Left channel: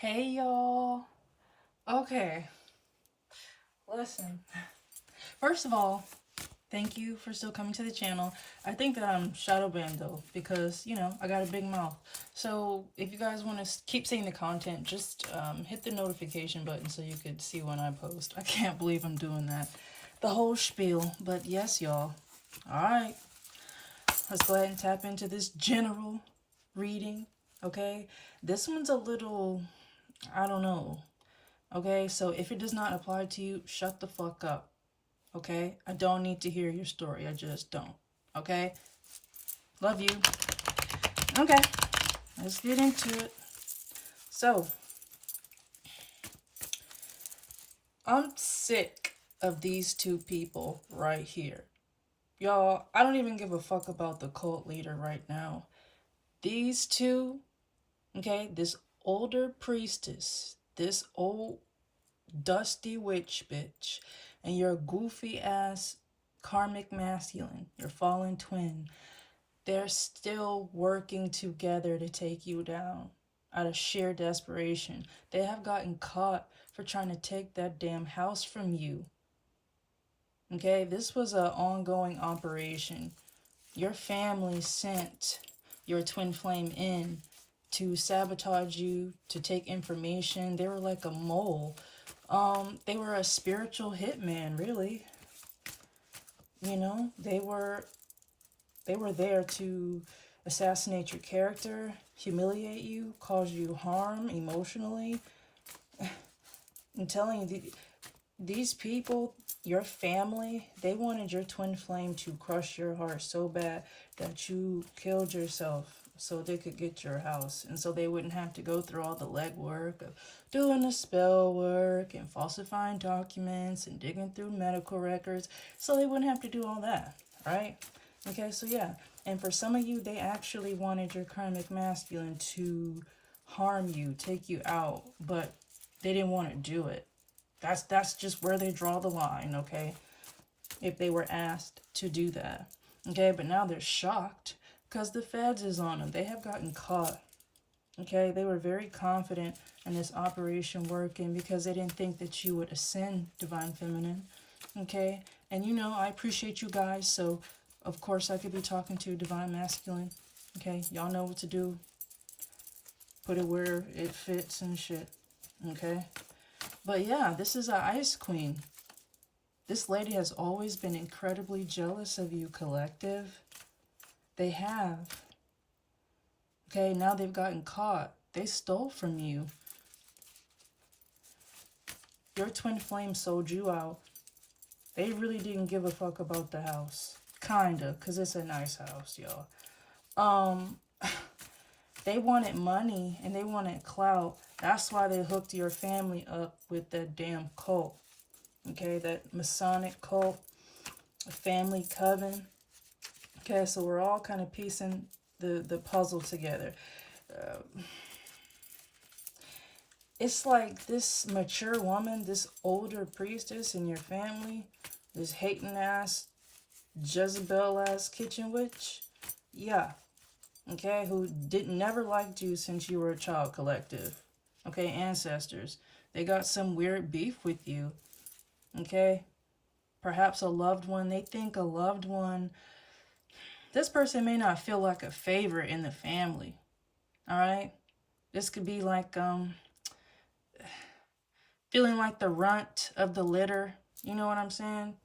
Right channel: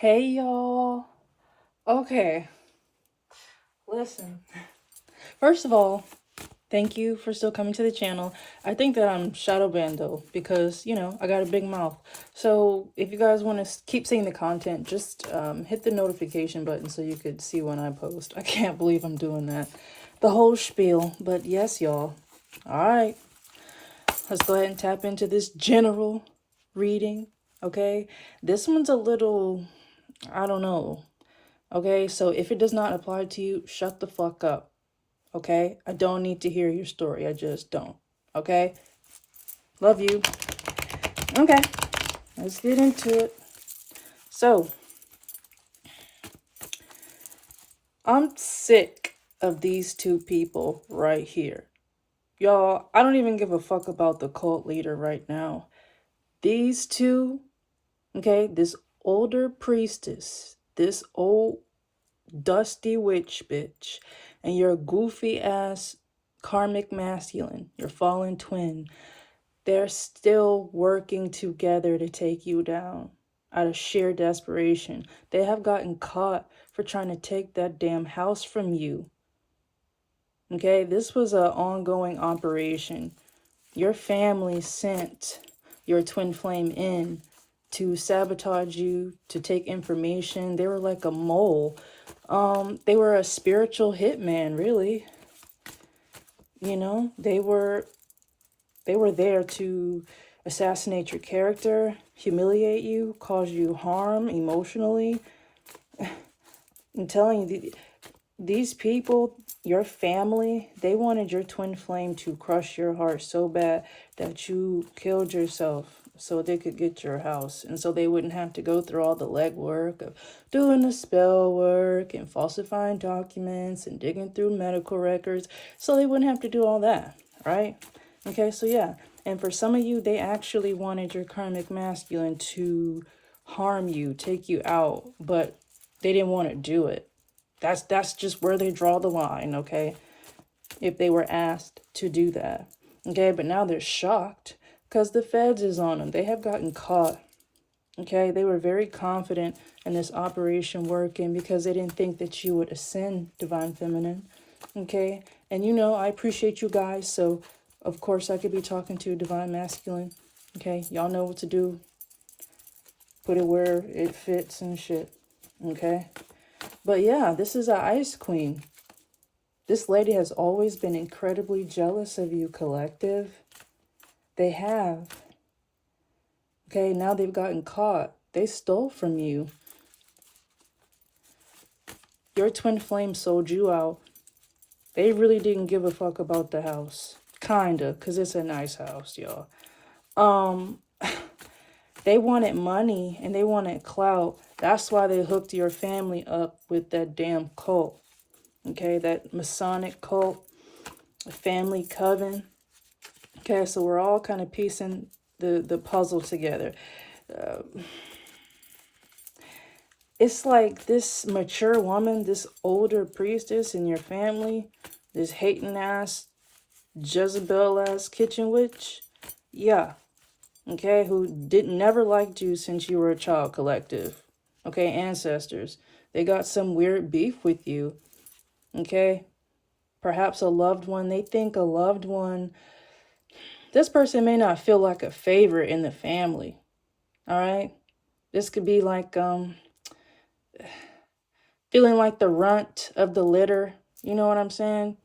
Hey y'all. Okay, listen. First of all, thank you for still coming to the channel. I think that I'm shadow banned though because I got a big mouth. So if you guys want to keep seeing the content, just hit the notification button so you could see when I post. I can't believe I'm doing that. The whole spiel. But yes, y'all. All right, let's go ahead and tap into this general reading. Okay, this one's a little, I don't know. Okay, so if it does not apply to you, shut the fuck up. Okay, I don't need to hear your story. I just don't. Okay, love you. Okay, let's get into it. So, I'm sick of these two people right here. Y'all, I don't even give a fuck about the cult leader right now. These two, okay, this older priestess, this old dusty witch bitch, and your goofy ass karmic masculine, your fallen twin, they're still working together to take you down out of sheer desperation. They have gotten caught for trying to take that damn house from you. Okay, this was an ongoing operation. Your family sent your twin flame in to sabotage you, to take information. They were like a mole. They were a spiritual hitman, really. They were there to assassinate your character, humiliate you, cause you harm emotionally. I'm telling you, these people, your family, they wanted your twin flame to crush your heart so bad that you killed yourself so they could get your house. And so they wouldn't have to go through all the legwork of doing the spell work and falsifying documents and digging through medical records. So they wouldn't have to do all that, right? Okay, so yeah. And for some of you, they actually wanted your karmic masculine to harm you, take you out, but they didn't want to do it. That's just where they draw the line, okay? If they were asked to do that. Okay, but now they're shocked because the feds is on them. They have gotten caught. Okay, they were very confident in this operation working because they didn't think that you would ascend divine feminine. Okay, and I appreciate you guys, so of course I could be talking to divine masculine. Okay, y'all know what to do. Put it where it fits and shit. Okay, but yeah, this is a ice queen. This lady has always been incredibly jealous of you, collective. They have. Okay, now they've gotten caught. They stole from you. Your twin flame sold you out. They really didn't give a fuck about the house. Kinda, because it's a nice house, y'all. They wanted money and they wanted clout. That's why they hooked your family up with that damn cult. Okay, that Masonic cult, a family coven. Okay, so we're all kind of piecing the puzzle together. It's like this mature woman, this older priestess in your family, this hating ass, Jezebel ass kitchen witch. Yeah, okay, who didn't never liked you since you were a child, collective. Okay, ancestors. They got some weird beef with you. Okay, perhaps a loved one. They think a loved one. This person may not feel like a favorite in the family. All right, this could be like feeling like the runt of the litter. You know what I'm saying?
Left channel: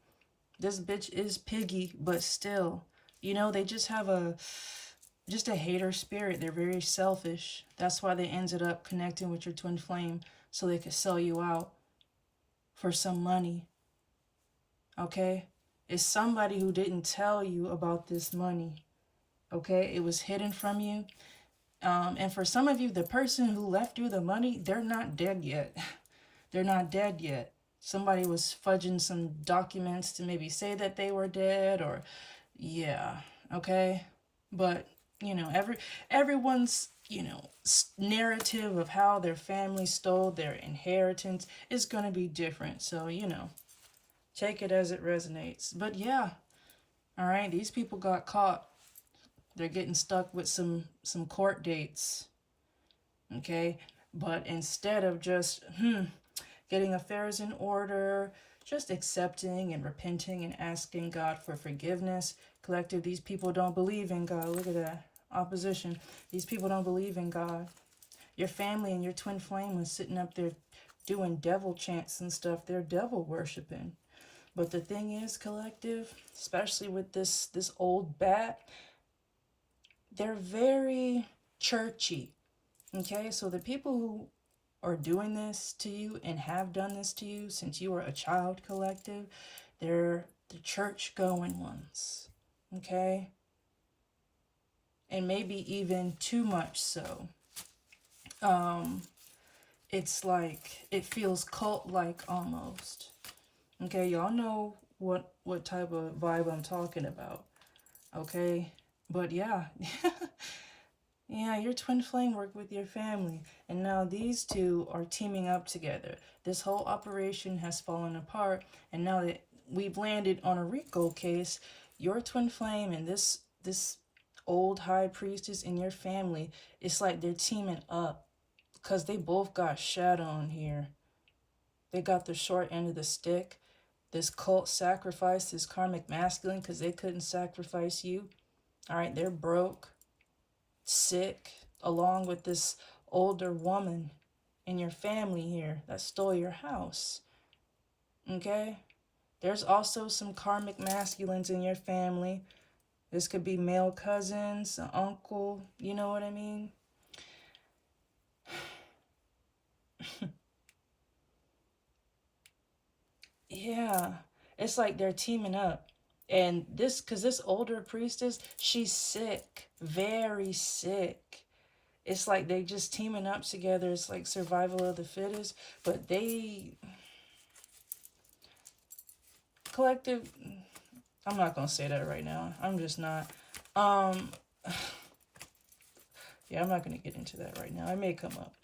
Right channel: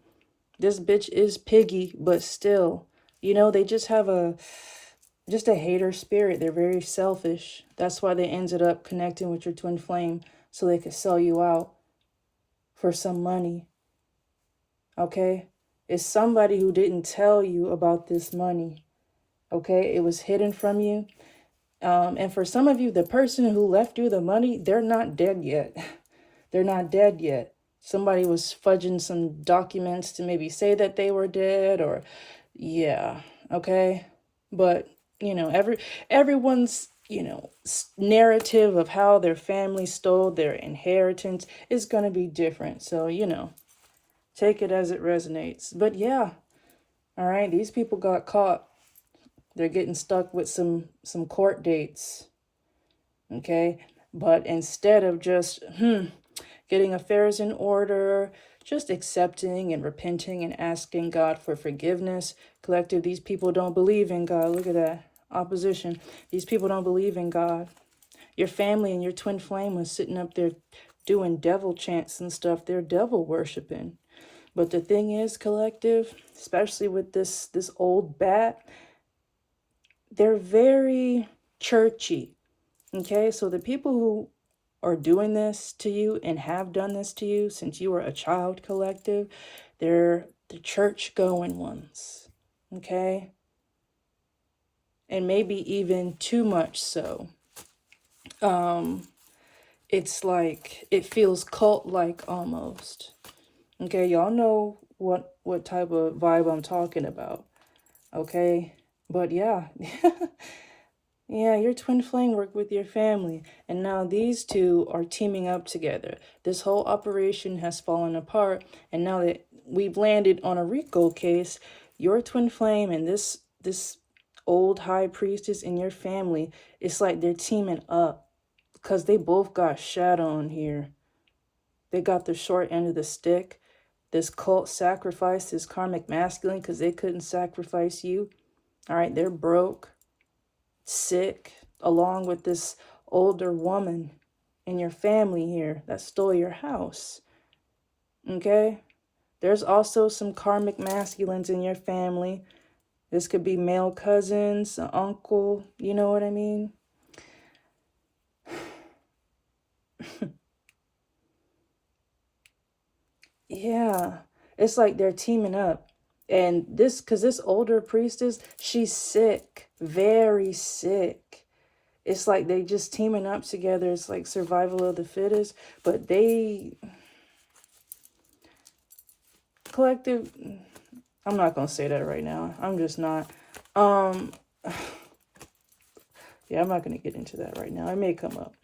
This bitch is piggy, but still, they just have just a hater spirit. They're very selfish. That's why they ended up connecting with your twin flame so they could sell you out for some money. Okay? It's somebody who didn't tell you about this money. Okay? It was hidden from you. And for some of you, the person who left you the money, they're not dead yet. They're not dead yet. Somebody was fudging some documents to maybe say that they were dead, or yeah, okay. But everyone's narrative of how their family stole their inheritance is going to be different. So take it as it resonates. But yeah, all right, these people got caught. They're getting stuck with some court dates. Okay, But instead of just getting affairs in order, just accepting and repenting and asking God for forgiveness. Collective, these people don't believe in God. Look at that. Opposition. These people don't believe in God. Your family and your twin flame was sitting up there doing devil chants and stuff. They're devil worshiping. But the thing is, collective, especially with this old bat, they're very churchy. Okay, so the people who are doing this to you and have done this to you since you were a child, collective, they're the church going ones. Okay, and maybe even too much so. It's like it feels cult like almost. Okay, y'all know what type of vibe I'm talking about. Okay, but yeah. Yeah, your twin flame worked with your family, and now these two are teaming up together. This whole operation has fallen apart, and now that we've landed on a RICO case, your twin flame and this old high priestess in your family, it's like they're teaming up because they both got shot on here. They got the short end of the stick. This cult sacrificed this karmic masculine because they couldn't sacrifice you. All right, they're broke, sick, along with this older woman in your family here that stole your house. Okay? There's also some karmic masculines in your family. This could be male cousins, an uncle, you know what I mean? Yeah. It's like they're teaming up. And because this older priestess, she's sick, very sick. It's like they just teaming up together. It's like survival of the fittest. But collective, I'm not going to say that right now. I'm just not. Yeah, I'm not going to get into that right now. It may come up.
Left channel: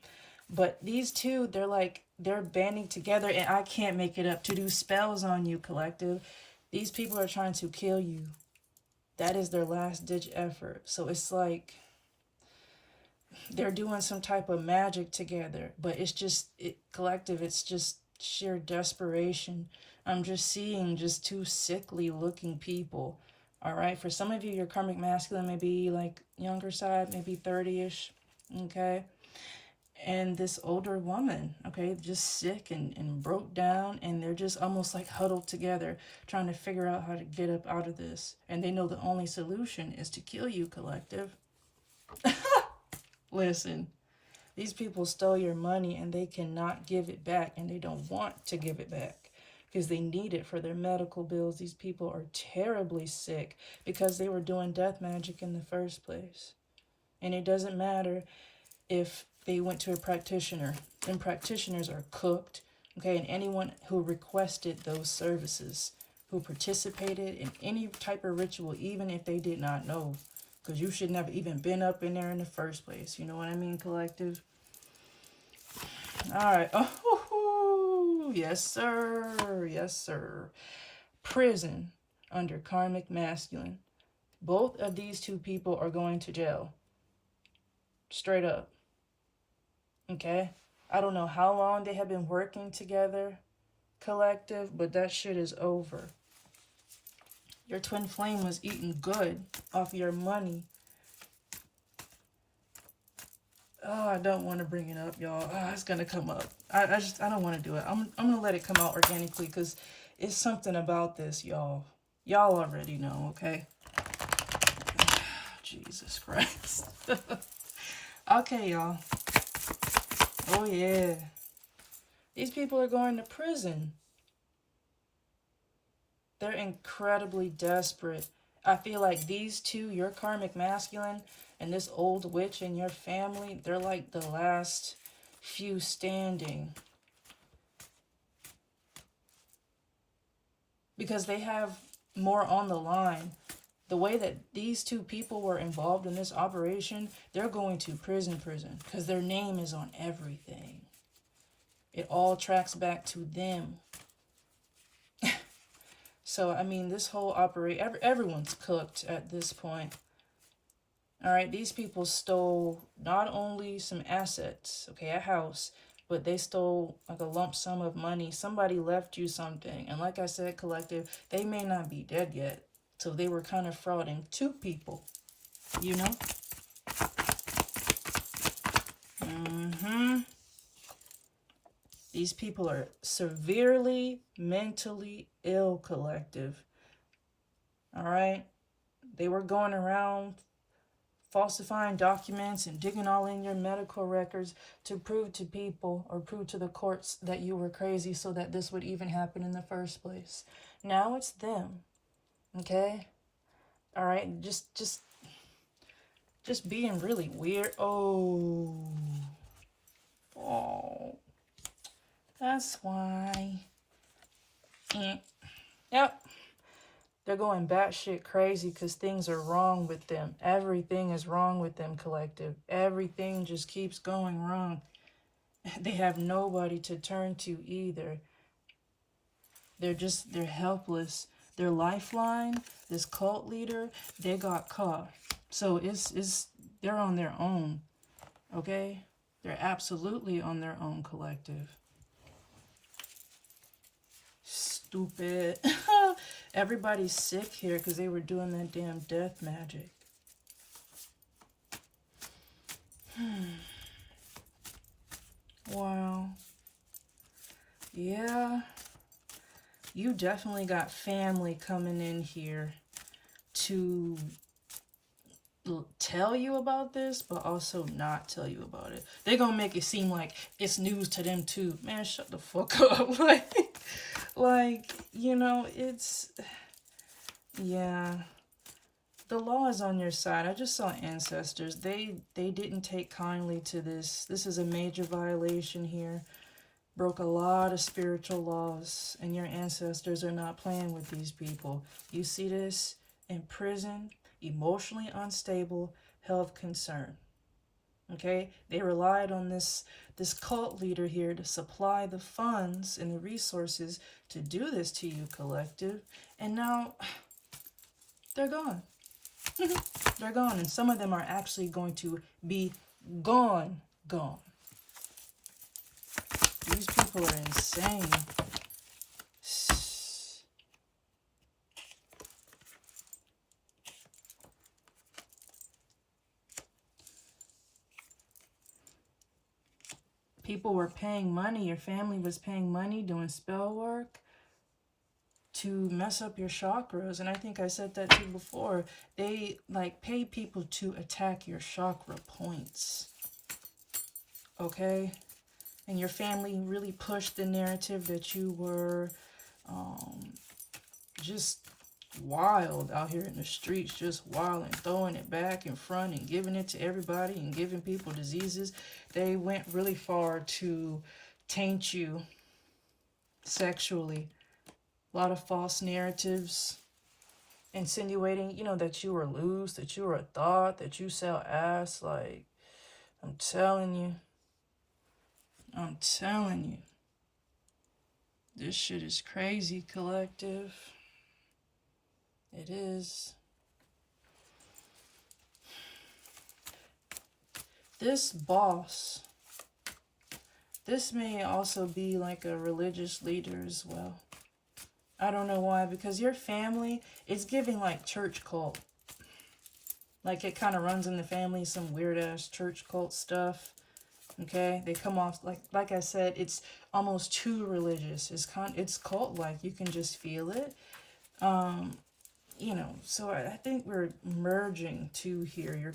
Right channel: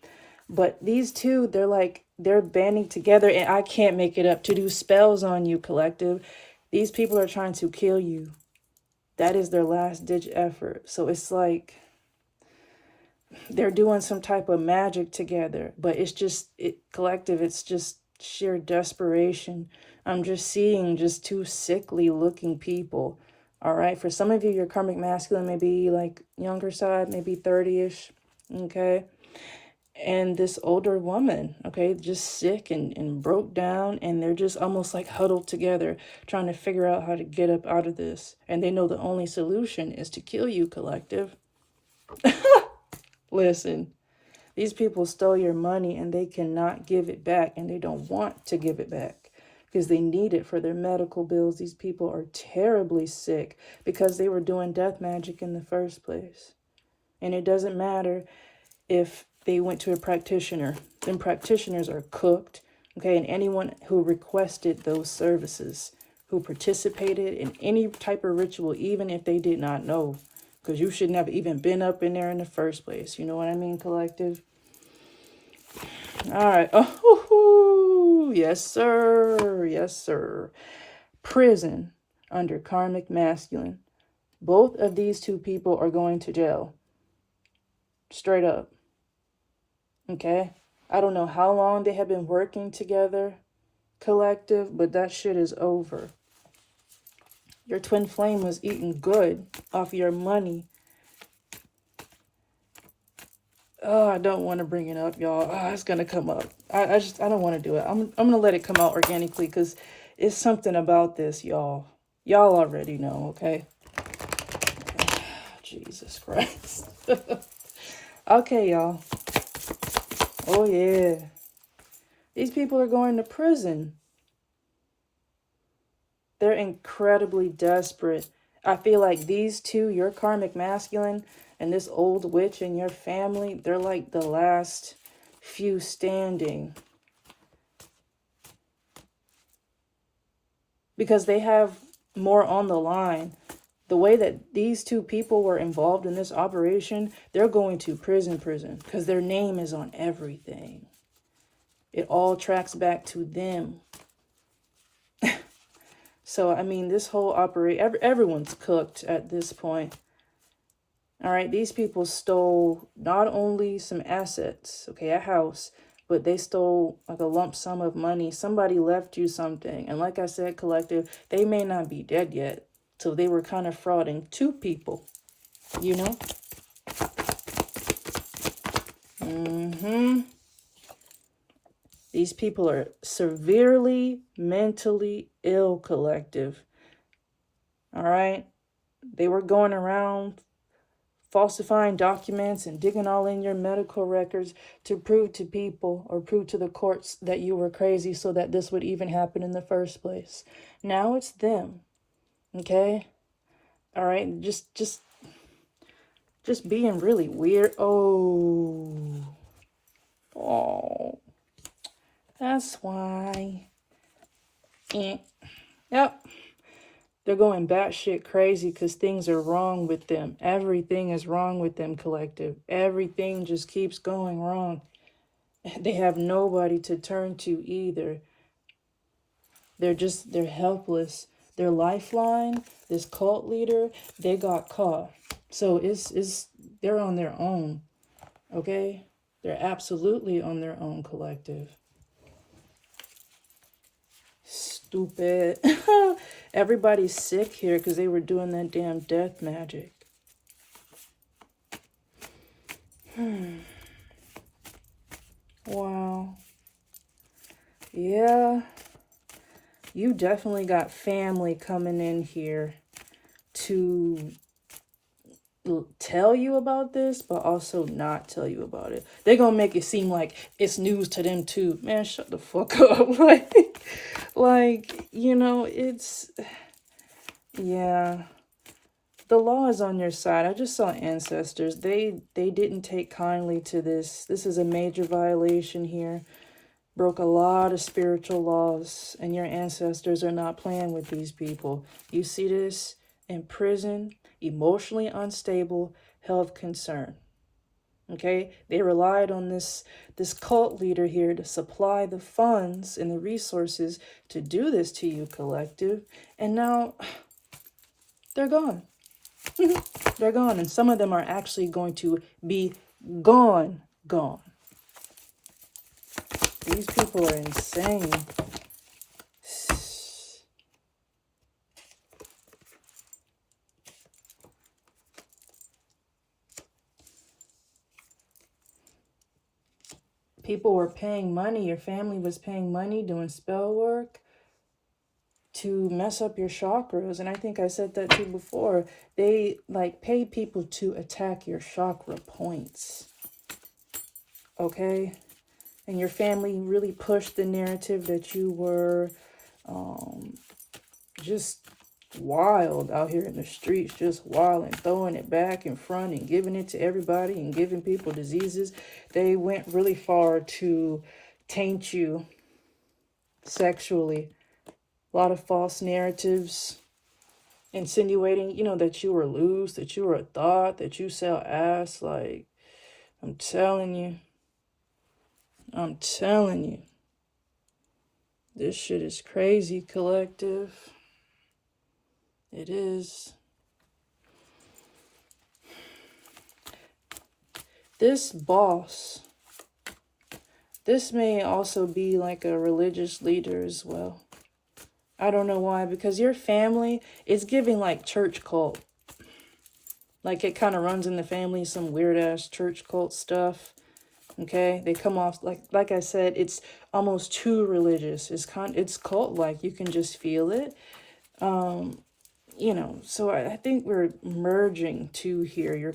But these two, they're banding together, and I can't make it up, to do spells on you, collective. These people are trying to kill you. That is their last ditch effort. So it's like they're doing some type of magic together, but it's just collective. It's just sheer desperation. I'm just seeing just two sickly looking people. All right. For some of you, your karmic masculine may be like younger side, maybe 30-ish. Okay. And this older woman, okay, just sick and broke down, and they're just almost like huddled together, trying to figure out how to get up out of this. And they know the only solution is to kill you, collective. Listen, these people stole your money and they cannot give it back, and they don't want to give it back because they need it for their medical bills. These people are terribly sick because they were doing death magic in the first place. And it doesn't matter if they went to a practitioner. Then practitioners are cooked, okay? And anyone who requested those services, who participated in any type of ritual, even if they did not know, because you shouldn't have even been up in there in the first place. You know what I mean, collective? All right. Oh, yes, sir. Yes, sir. Prison under karmic masculine. Both of these two people are going to jail. Straight up. Okay? I don't know how long they have been working together, collective, but that shit is over. Your twin flame was eating good off your money. Oh, I don't want to bring it up, y'all. Oh, it's going to come up. I don't want to do it. I'm going to let it come out organically because it's something about this, y'all. Y'all already know, okay? Jesus Christ. Okay, y'all. Oh, yeah. These people are going to prison. They're incredibly desperate. I feel like these two, your karmic masculine and this old witch in your family, they're like the last few standing. Because they have more on the line. The way that these two people were involved in this operation, they're going to prison because their name is on everything. It all tracks back to them. So, I mean, this whole operation, everyone's cooked at this point. All right, these people stole not only some assets, okay, a house, but they stole like a lump sum of money. Somebody left you something. And like I said, collective, they may not be dead yet. So they were kind of frauding two people, you know? These people are severely mentally ill, collective. All right? They were going around falsifying documents and digging all in your medical records to prove to people or prove to the courts that you were crazy so that this would even happen in the first place. Now it's them. Okay? All right? Just being really weird. Oh. That's why. Yep. They're going batshit crazy because things are wrong with them. Everything is wrong with them, collective. Everything just keeps going wrong. They have nobody to turn to either. They're helpless. Their lifeline, this cult leader, they got caught. So they're on their own. Okay? They're absolutely on their own, collective. Stupid. Everybody's sick here because they were doing that damn death magic. Wow. Yeah. You definitely got family coming in here to tell you about this, but also not tell you about it. They're gonna make it seem like it's news to them too. Man, shut the fuck up. like, you know, yeah. The law is on your side. I just saw ancestors. They didn't take kindly to this. This is a major violation here. Broke a lot of spiritual laws, and your ancestors are not playing with these people. You see this in prison, emotionally unstable, health concern. Okay, they relied on this cult leader here to supply the funds and the resources to do this to you, collective, and now they're gone. They're gone, and some of them are actually going to be gone. These people are insane. People were paying money, your family was paying money doing spell work to mess up your chakras. And I think I said that too before. They like pay people to attack your chakra points. Okay? And your family really pushed the narrative that you were just wild out here in the streets, just wild and throwing it back in front and giving it to everybody and giving people diseases. They went really far to taint you sexually. A lot of false narratives insinuating, you know, that you were loose, that you were a thought, that you sell ass. Like, I'm telling you. This shit is crazy, collective. It is. This boss, this may also be like a religious leader as well. I don't know why, because your family is giving like church cult. Like it kind of runs in the family, some weird ass church cult stuff. Okay, they come off like I said, it's almost too religious. It's cult like, you can just feel it. You know, so I think we're merging two here. Your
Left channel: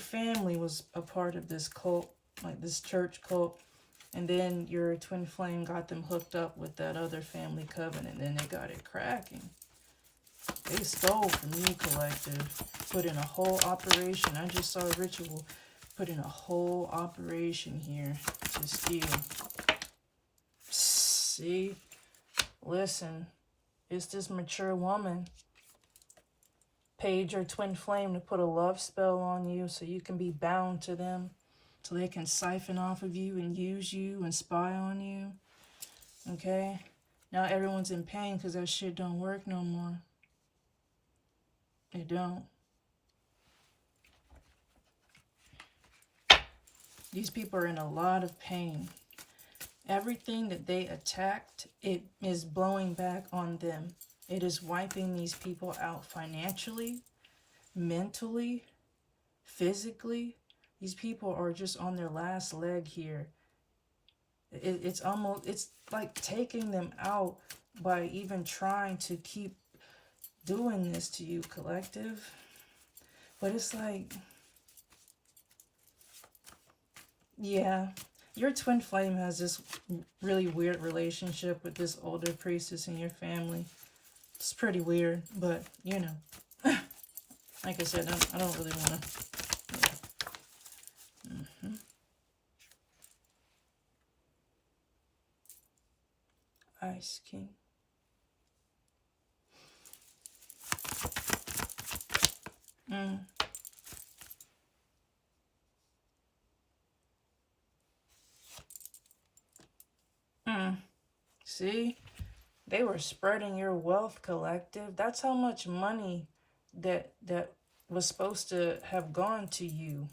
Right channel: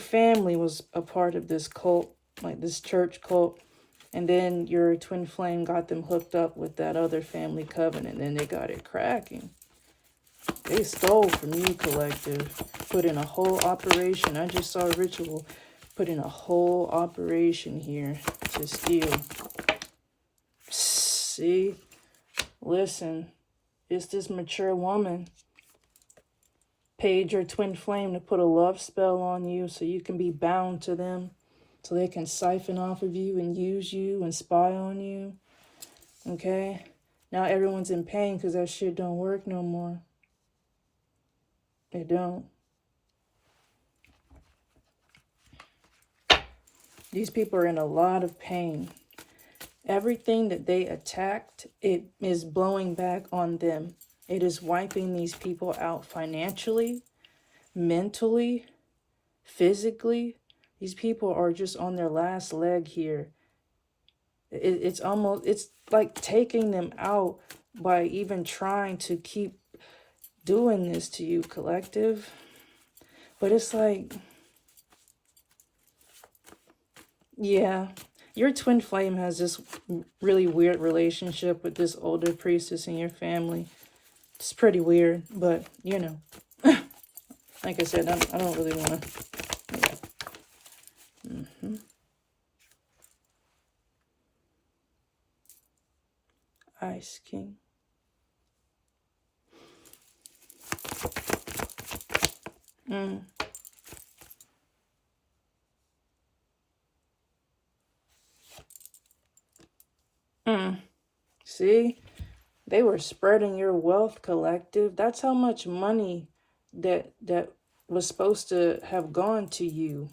family was a part of this cult, like this church cult, and then your twin flame got them hooked up with that other family covenant, and they got it cracking. They stole from you, collective. Put in a whole operation. I just saw a ritual. Put in a whole operation here to steal. See? Listen. It's this mature woman. Paid your twin flame to put a love spell on you so you can be bound to them. So they can siphon off of you and use you and spy on you. Okay? Now everyone's in pain because that shit don't work no more. It don't. These people are in a lot of pain. Everything that they attacked, it is blowing back on them. It is wiping these people out financially, mentally, physically. These people are just on their last leg here. It's like taking them out by even trying to keep doing this to you, collective. But it's like, yeah, your twin flame has this really weird relationship with this older priestess in your family. It's pretty weird, but you know, like I said, I don't really want to. Yeah. Ice King. See, they were spreading your wealth, collective. That's how much money that was supposed to have gone to you.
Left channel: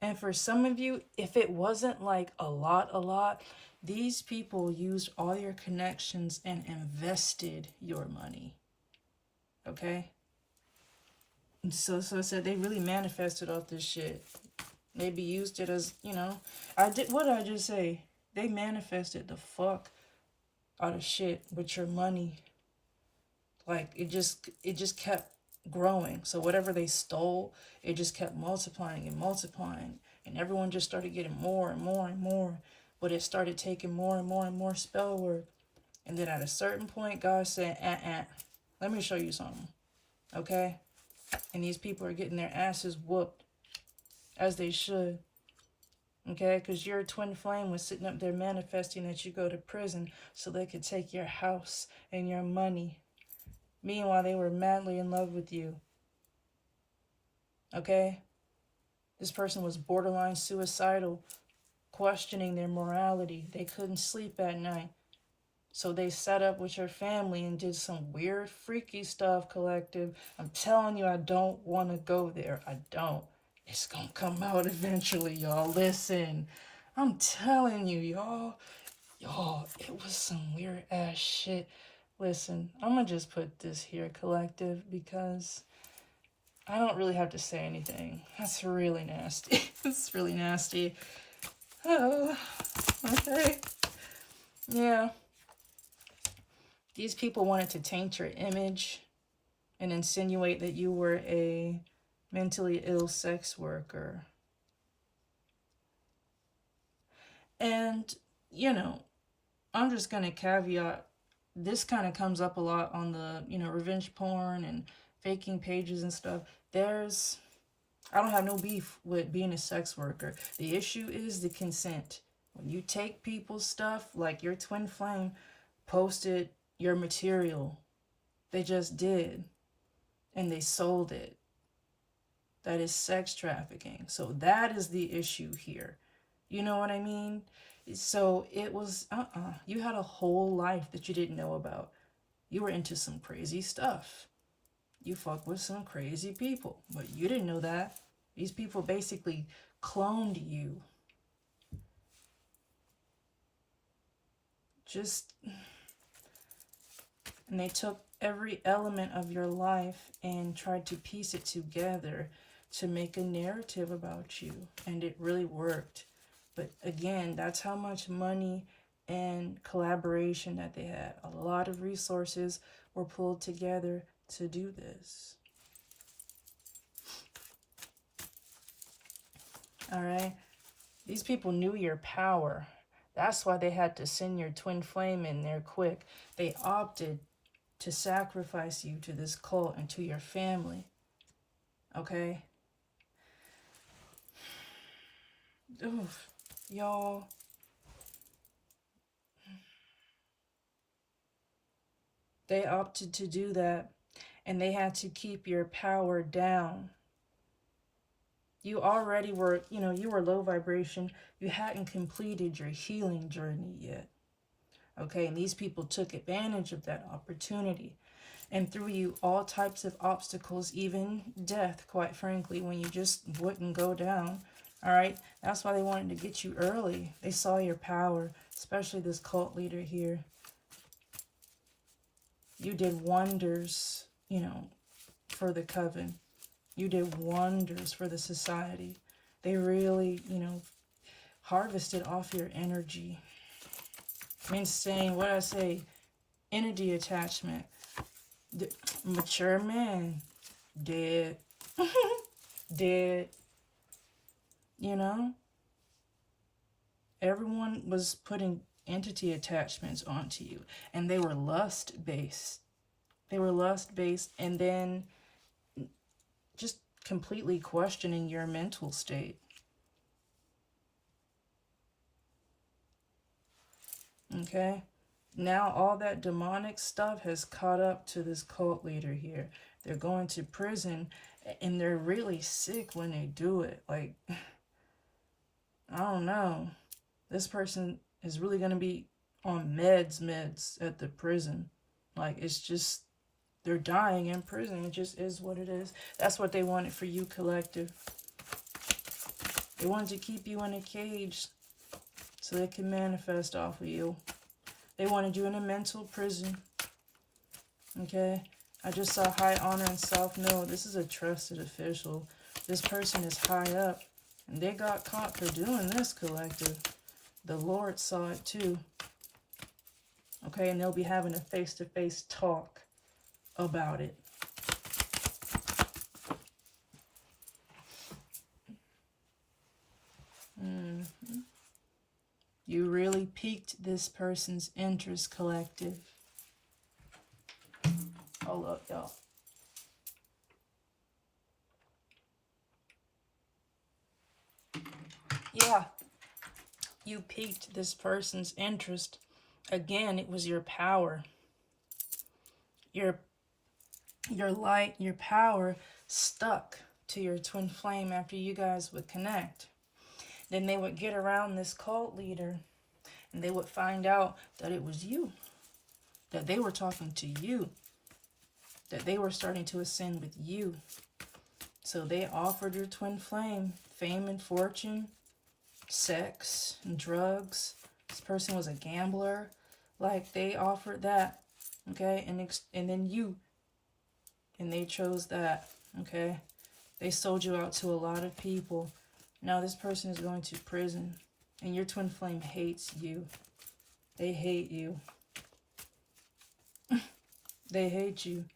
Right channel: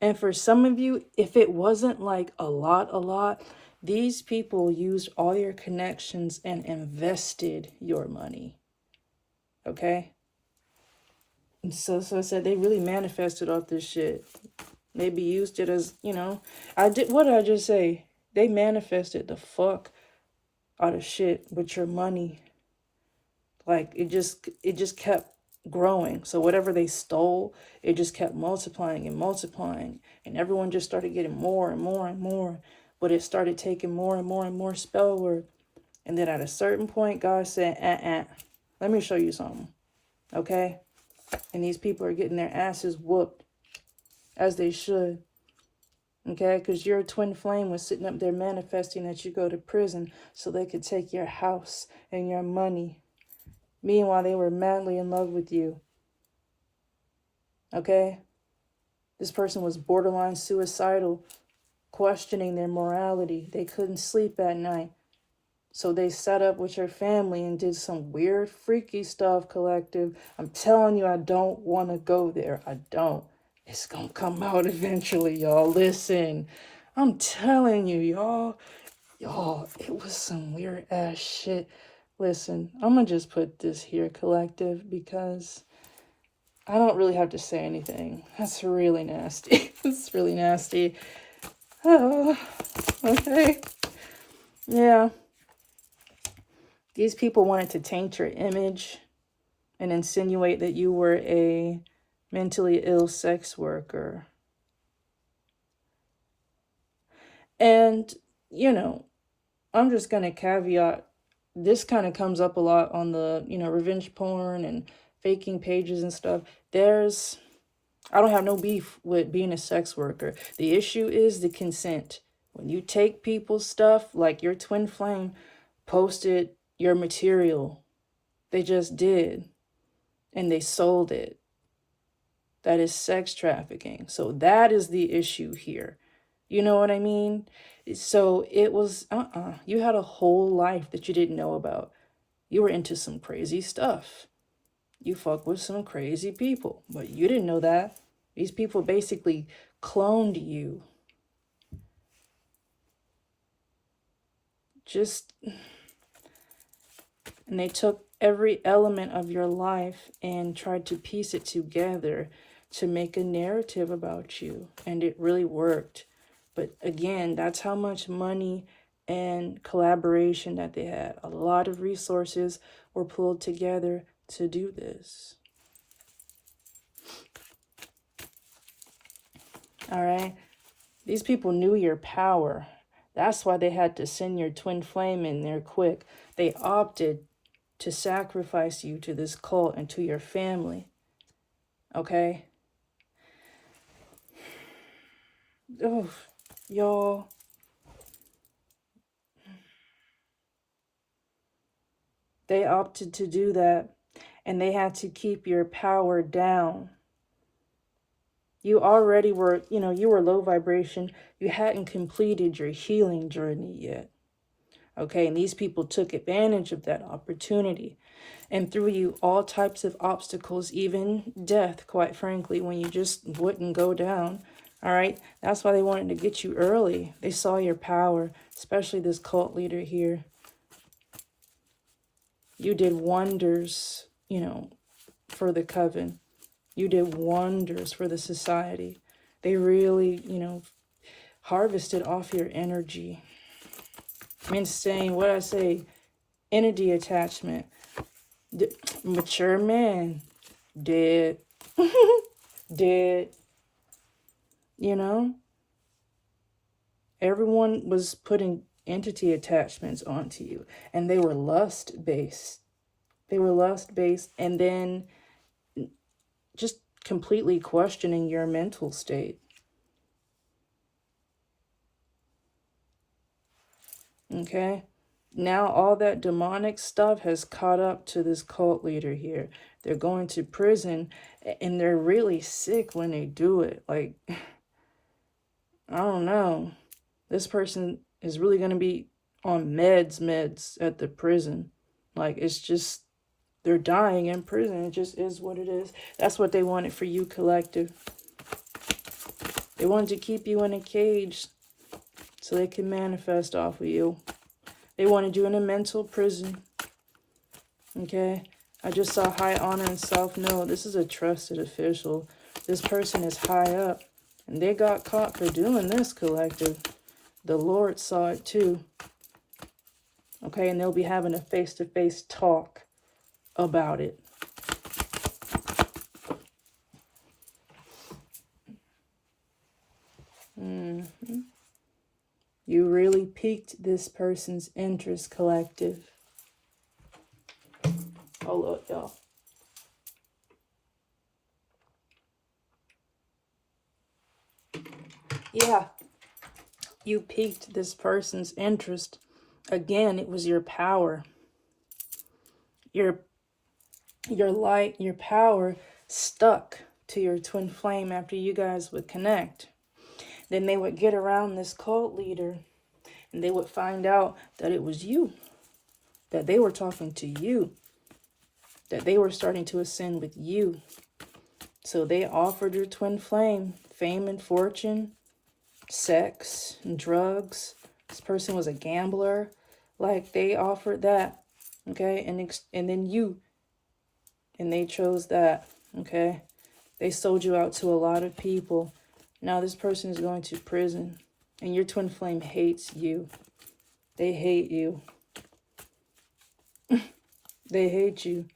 And for some of you, if it wasn't like a lot, these people used all your connections and invested your money. Okay? And so I said they really manifested off this shit. Maybe used it as, you know, what did I just say? They manifested the fuck out of shit with your money. Like it just kept growing. So whatever they stole, it just kept multiplying and multiplying, and everyone just started getting more and more and more. But it started taking more and more and more spell work. And then at a certain point, God said, let me show you something. Okay? And these people are getting their asses whooped, as they should. Okay? Because your twin flame was sitting up there manifesting that you go to prison so they could take your house and your money. Meanwhile, they were madly in love with you. Okay? This person was borderline suicidal, questioning their morality. They couldn't sleep at night. So they sat up with your family and did some weird, freaky stuff, collective. I'm telling you, I don't want to go there. I don't. It's going to come out eventually, y'all. Listen. I'm telling you, y'all. Y'all, it was some weird ass shit. Listen, I'm going to just put this here, collective, because I don't really have to say anything. That's really nasty. It's really nasty. Oh, okay. Yeah. These people wanted to taint your image and insinuate that you were a mentally ill sex worker. And, you know, I'm just going to caveat, this kind of comes up a lot on the, you know, revenge porn and faking pages and stuff. I don't have no beef with being a sex worker. The issue is the consent. When you take people's stuff, like your twin flame posted your material, they just did, and they sold it. That is sex trafficking. So that is the issue here. You know what I mean? So it was, you had a whole life that you didn't know about. You were into some crazy stuff. You fuck with some crazy people, but you didn't know that. These people basically cloned you. And they took every element of your life and tried to piece it together to make a narrative about you. And it really worked. But again, that's how much money and collaboration that they had. A lot of resources were pulled together to do this. All right. These people knew your power. That's why they had to send your twin flame in there quick. They opted to sacrifice you to this cult and to your family. Okay? Oh, y'all. They opted to do that, and they had to keep your power down. You already were, you were low vibration. You hadn't completed your healing journey yet. Okay, and these people took advantage of that opportunity and threw you all types of obstacles, even death, quite frankly, when you just wouldn't go down. All right, that's why they wanted to get you early. They saw your power, especially this cult leader here. You did wonders, you know, for the coven. You did wonders for the society. They really, you know, harvested off your energy. I mean, saying what I say, energy attachment. Mature man, dead, dead. You know, everyone was putting entity attachments onto you, and they were lust based. They were lust based, and then just completely questioning your mental state. Okay, now all that demonic stuff has caught up to this cult leader here. They're going to prison, and they're really sick when they do it. Like, I don't know. This person is really going to be on meds at the prison. Like, it's just, they're dying in prison. It just is what it is. That's what they wanted for you, collective. They wanted to keep you in a cage so they can manifest off of you. They wanted you in a mental prison. Okay? I just saw high honor and self. No, this is a trusted official. This person is high up. And they got caught for doing this, collective. The Lord saw it too. Okay? And they'll be having a face-to-face talk about it. You really piqued this person's interest, collective. Oh, look, y'all. Yeah. You piqued this person's interest. Again, it was your power. Your light, your power stuck to your twin flame after you guys would connect. Then they would get around this cult leader and they would find out that it was you, that they were talking to you, that they were starting to ascend with you. So they offered your twin flame fame and fortune, sex and drugs. This person was a gambler. Like, they offered that, okay? And then you, and they chose that, okay? They sold you out to a lot of people. Now this person is going to prison, and your twin flame hates you. They hate you. They hate you.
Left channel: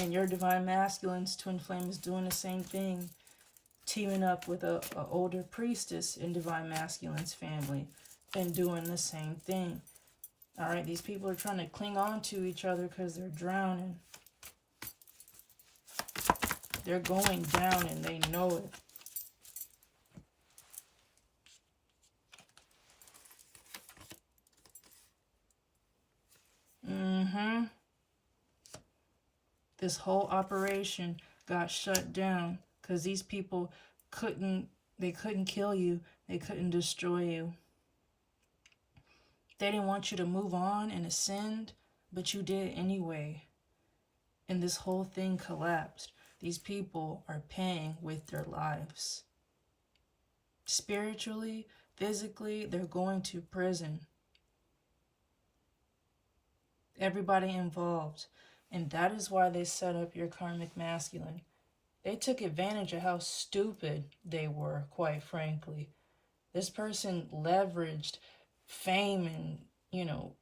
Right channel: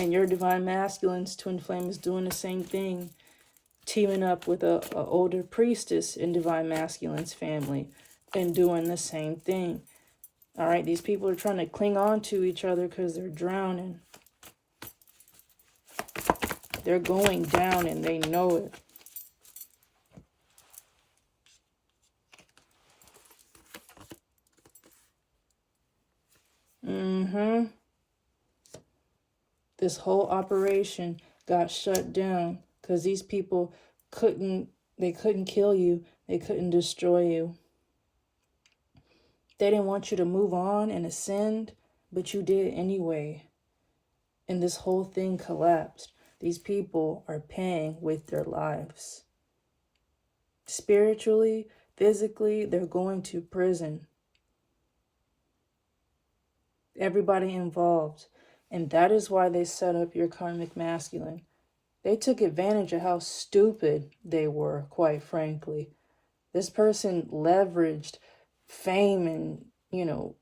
And your divine masculine's twin flame is doing the same thing, teaming up with a older priestess in divine masculine's family and doing the same thing. All right, these people are trying to cling on to each other because they're drowning. They're going down and they know it. This whole operation got shut down because these people couldn't kill you. They couldn't destroy you. They didn't want you to move on and ascend, but you did anyway. And this whole thing collapsed. These people are paying with their lives. Spiritually, physically, they're going to prison. Everybody involved. And that is why they set up your karmic masculine. They took advantage of how stupid they were, quite frankly. This person leveraged fame and,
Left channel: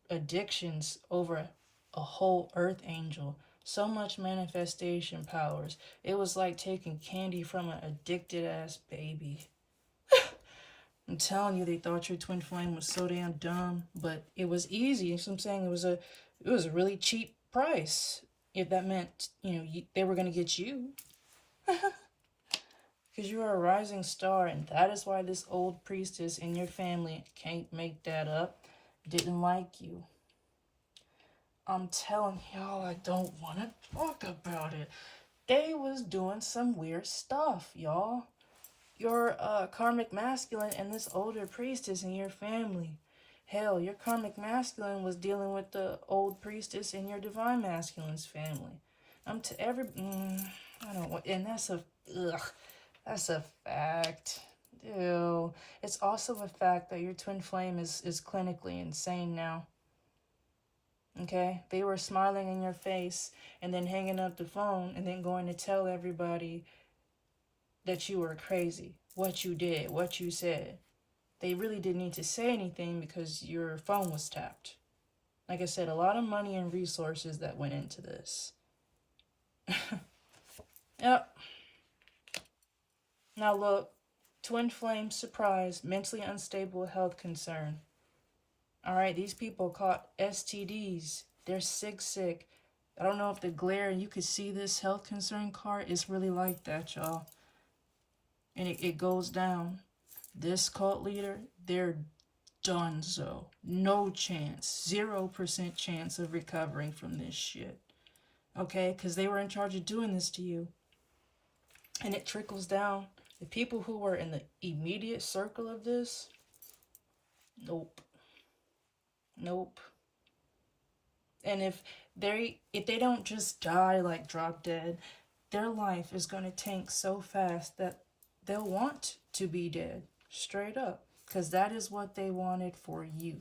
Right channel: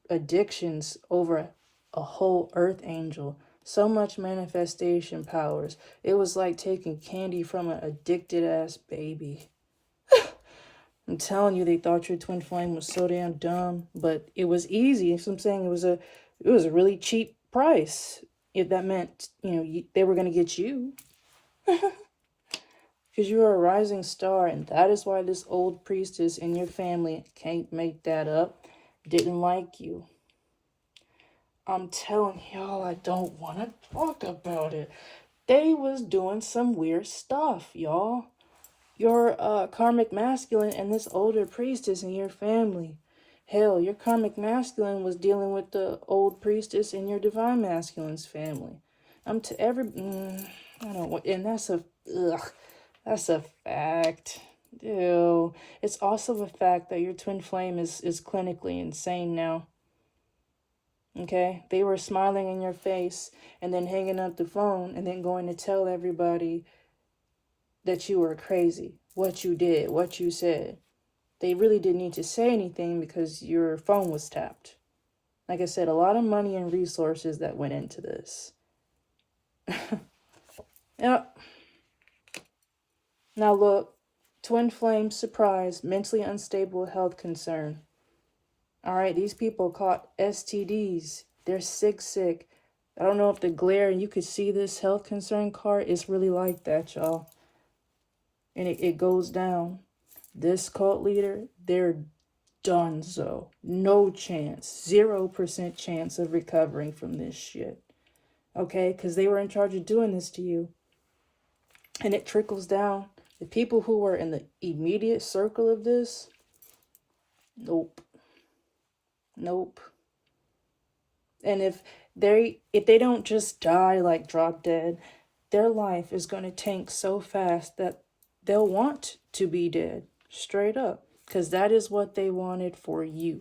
addictions over a whole earth angel. So much manifestation powers. It was like taking candy from an addicted ass baby. I'm telling you, they thought your twin flame was so damn dumb, but it was easy. So I'm saying it was a really cheap price. If that meant, they were going to get you. Because you are a rising star, and that is why this old priestess in your family, can't make that up, didn't like you. I'm telling y'all, I don't want to talk about it. They was doing some weird stuff, y'all. Your karmic masculine and this older priestess in your family. Hell, your karmic masculine was dealing with the old priestess in your divine masculine's family. I don't want, and that's That's a fact. Ew. It's also a fact that your twin flame is clinically insane now. Okay? They were smiling in your face and then hanging up the phone and then going to tell everybody that you were crazy, what you did, what you said. They really didn't need to say anything because your phone was tapped. Like I said, a lot of money and resources that went into this. Yep. Now look, twin flame surprise, mentally unstable health concern. All right, these people caught STDs. They're sick. I don't know if the glare and you could see this health concern card is really like that, y'all. And it goes down. This cult leader, they're donezo. No chance. 0% chance of recovering from this shit. Okay? Because they were in charge of doing this to you. And it trickles down. The people who were in the immediate circle of this, nope. And if they don't just die like drop dead, their life is going to tank so fast that they'll want to be dead, straight up, because that is what they wanted for you.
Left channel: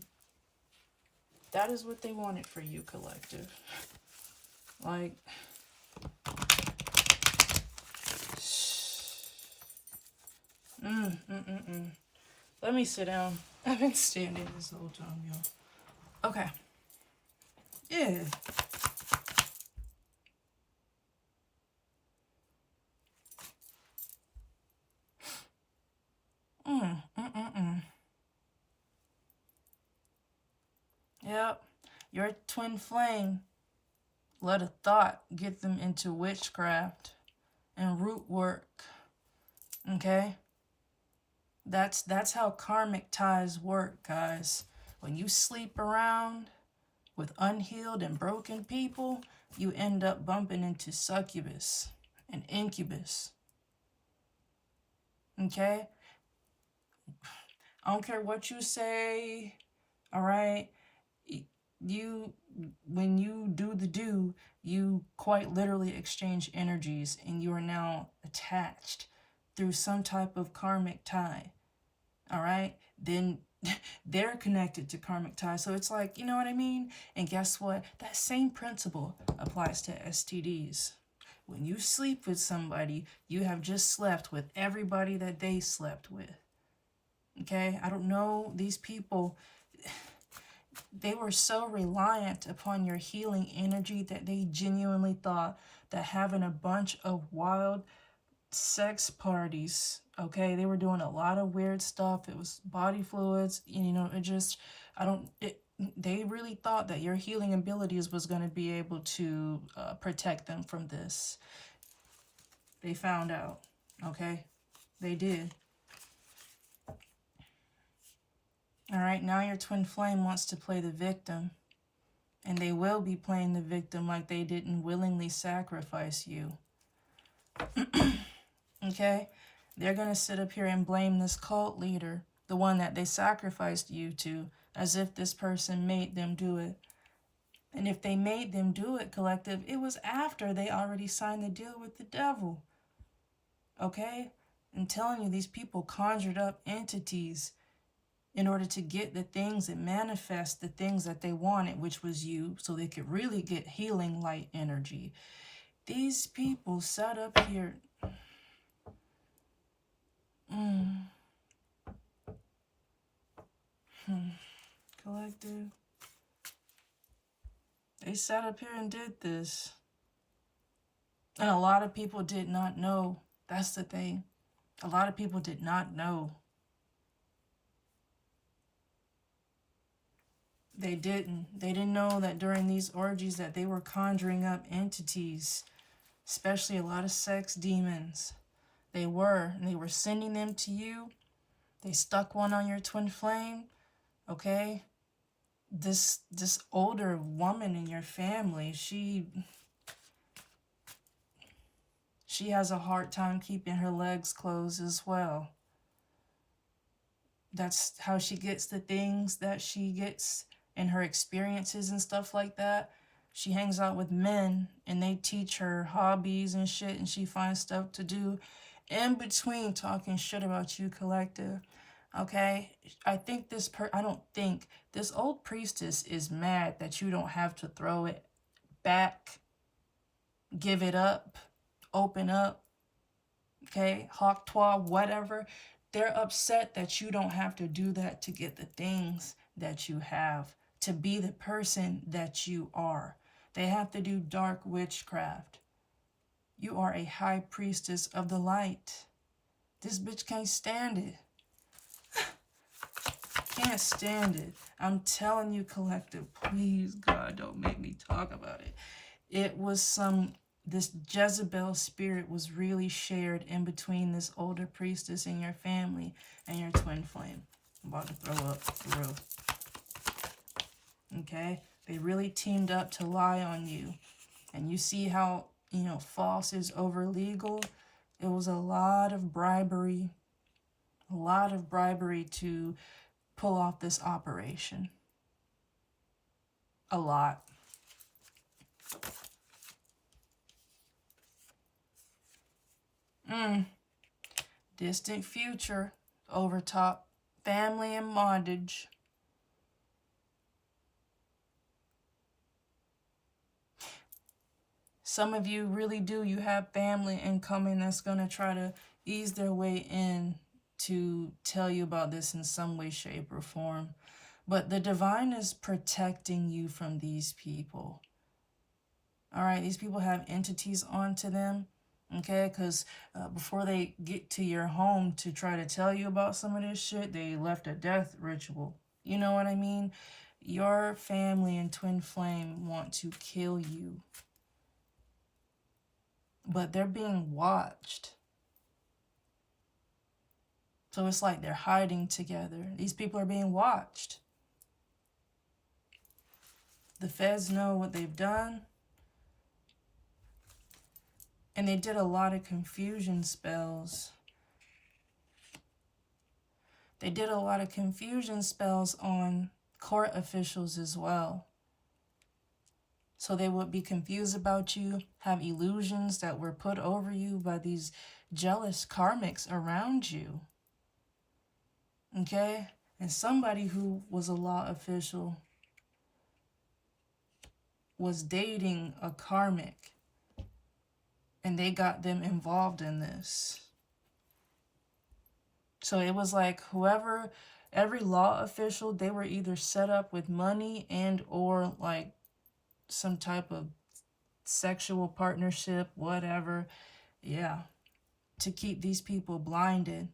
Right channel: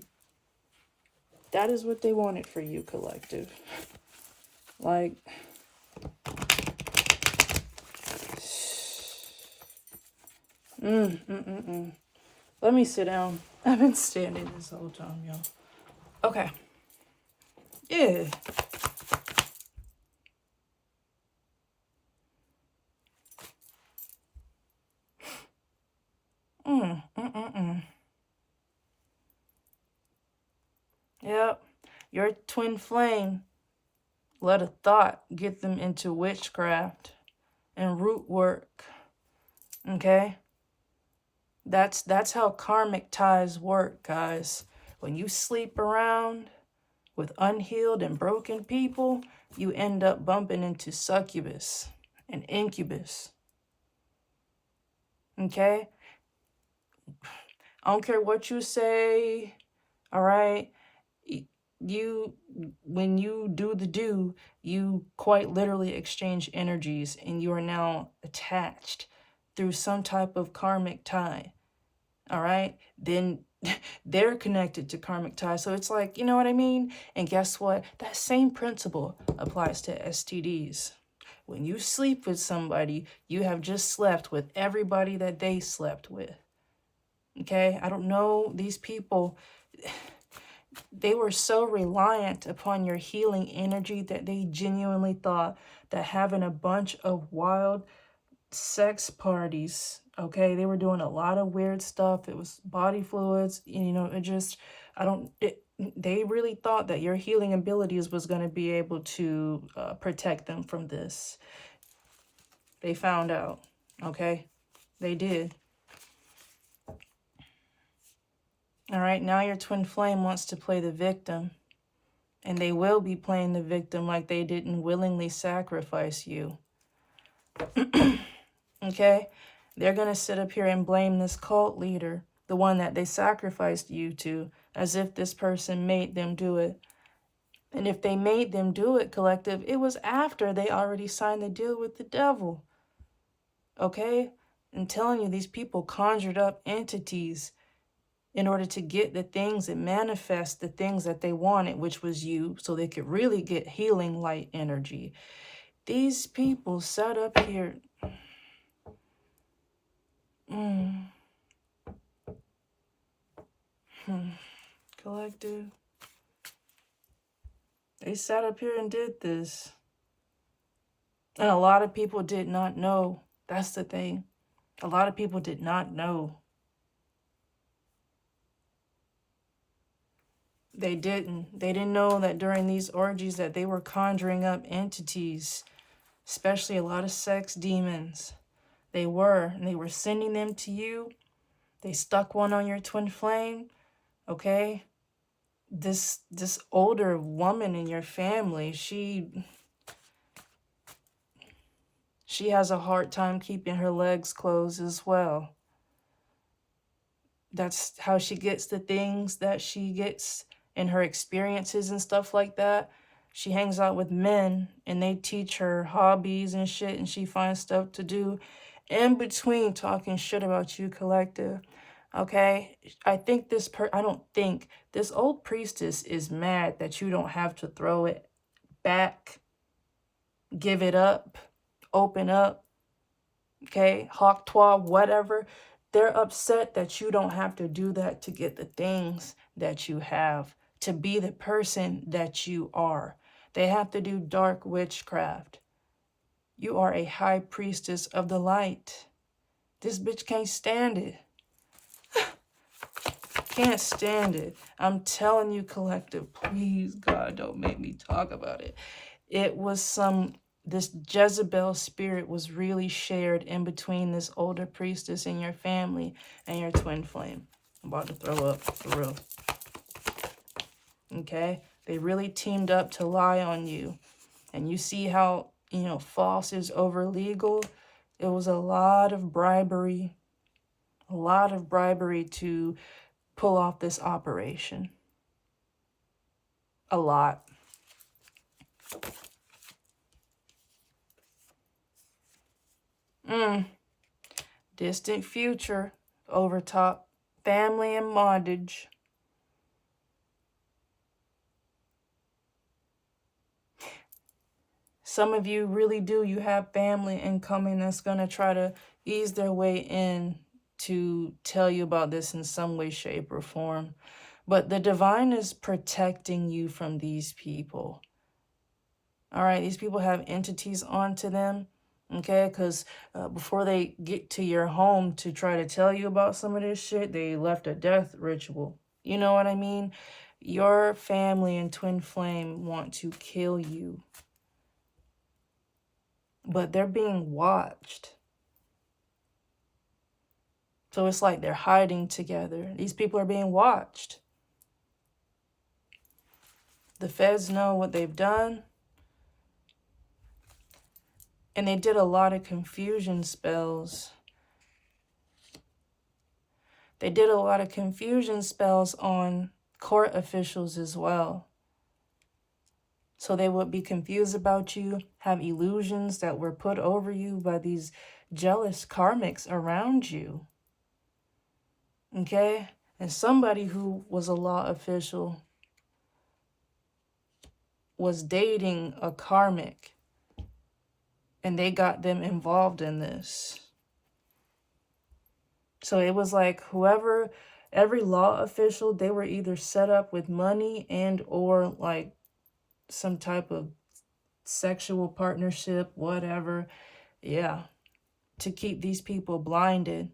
That is what they wanted for you, collective. Like, let me sit down. I've been standing this whole time, y'all. Okay. Yeah. Yep. Your twin flame let a thought get them into witchcraft and root work. Okay? That's how karmic ties work, guys. When you sleep around with unhealed and broken people, you end up bumping into succubus and incubus. Okay? I don't care what you say, all right? When you do, you quite literally exchange energies and you are now attached through some type of karmic tie, all right? Then they're connected to karmic tie. So it's like, you know what I mean? And guess what? That same principle applies to STDs. When you sleep with somebody, you have just slept with everybody that they slept with. Okay? I don't know, these people, they were so reliant upon your healing energy that they genuinely thought that having a bunch of wild sex parties, okay, they were doing a lot of weird stuff. It was body fluids, you know, they really thought that your healing abilities was going to be able to protect them from this. They found out, okay? They did. All right, now your twin flame wants to play the victim. And they will be playing the victim like they didn't willingly sacrifice you. Okay? They're going to sit up here and blame this cult leader, the one that they sacrificed you to, as if this person made them do it. And if they made them do it, collective, it was after they already signed the deal with the devil. Okay? I'm telling you, these people conjured up entities in order to get the things and manifest the things that they wanted, which was you, so they could really get healing light energy. These people sat up here. Collective. They sat up here and did this. And a lot of people did not know. That's the thing. A lot of people did not know. They didn't. They didn't know that during these orgies that they were conjuring up entities, especially a lot of sex demons. They were, and they were sending them to you. They stuck one on your twin flame, okay? This older woman in your family, she has a hard time keeping her legs closed as well. That's how she gets the things that she gets in her experiences and stuff like that. She hangs out with men and they teach her hobbies and shit and she finds stuff to do. in between talking shit about you, collective. Okay? I don't think this old priestess is mad that you don't have to throw it back, give it up, open up, okay? Hawk toi, whatever. They're upset that you don't have to do that to get the things that you have, to be the person that you are. They have to do dark witchcraft. You are a high priestess of the light. This bitch can't stand it. Can't stand it. I'm telling you, collective, please, God, don't make me talk about it. It was this Jezebel spirit was really shared in between this older priestess and your family and your twin flame. I'm about to throw up for real. Okay? They really teamed up to lie on you. And you see how, false is over legal? It was a lot of bribery. A lot of bribery to pull off this operation. A lot. Distant future, overtop, family and bondage. Some of you really do. You have family incoming that's going to try to ease their way in to tell you about this in some way, shape, or form. But the divine is protecting you from these people. All right, these people have entities onto them, okay? Because before they get to your home to try to tell you about some of this shit, they left a death ritual. You know what I mean? Your family and twin flame want to kill you. But they're being watched. So it's like they're hiding together. These people are being watched. The feds know what they've done. And they did a lot of confusion spells. They did a lot of confusion spells on court officials as well. So they would be confused about you, have illusions that were put over you by these jealous karmics around you. Okay? And somebody who was a law official was dating a karmic, and they got them involved in this. So it was like every law official, they were either set up with money and or like some type of sexual partnership, whatever. Yeah. To keep these people blinded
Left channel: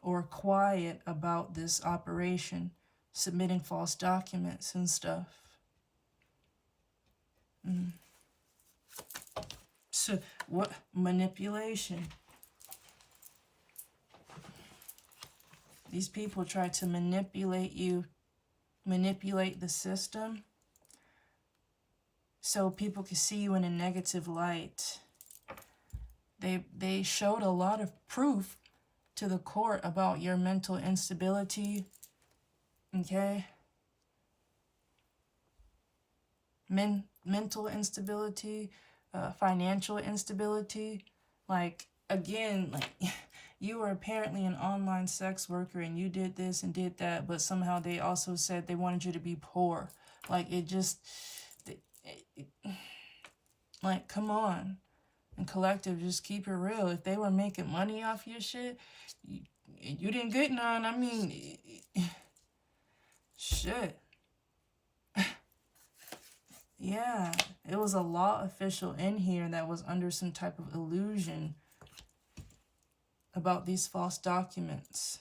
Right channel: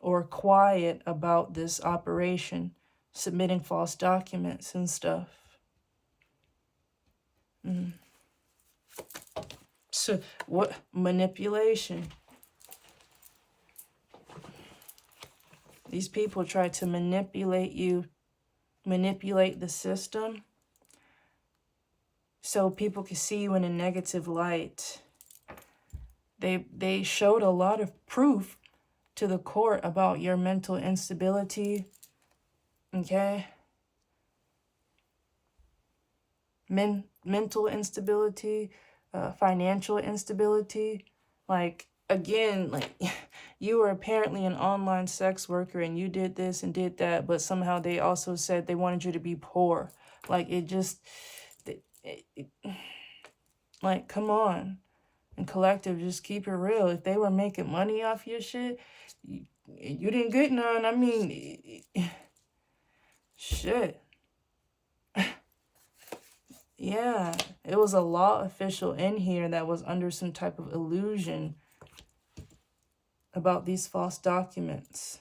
or quiet about this operation, submitting false documents and stuff. So what? Manipulation. These people try to manipulate you, manipulate the system, so people can see you in a negative light. They showed a lot of proof to the court about your mental instability, okay? Mental instability, financial instability. Like, again, like, you were apparently an online sex worker and you did this and did that, but somehow they also said they wanted you to be poor. Like, like, come on. And collective, just keep it real. If they were making money off your shit, you didn't get none. I mean, shit. Yeah, it was a law official in here that was under some type of illusion about these false documents.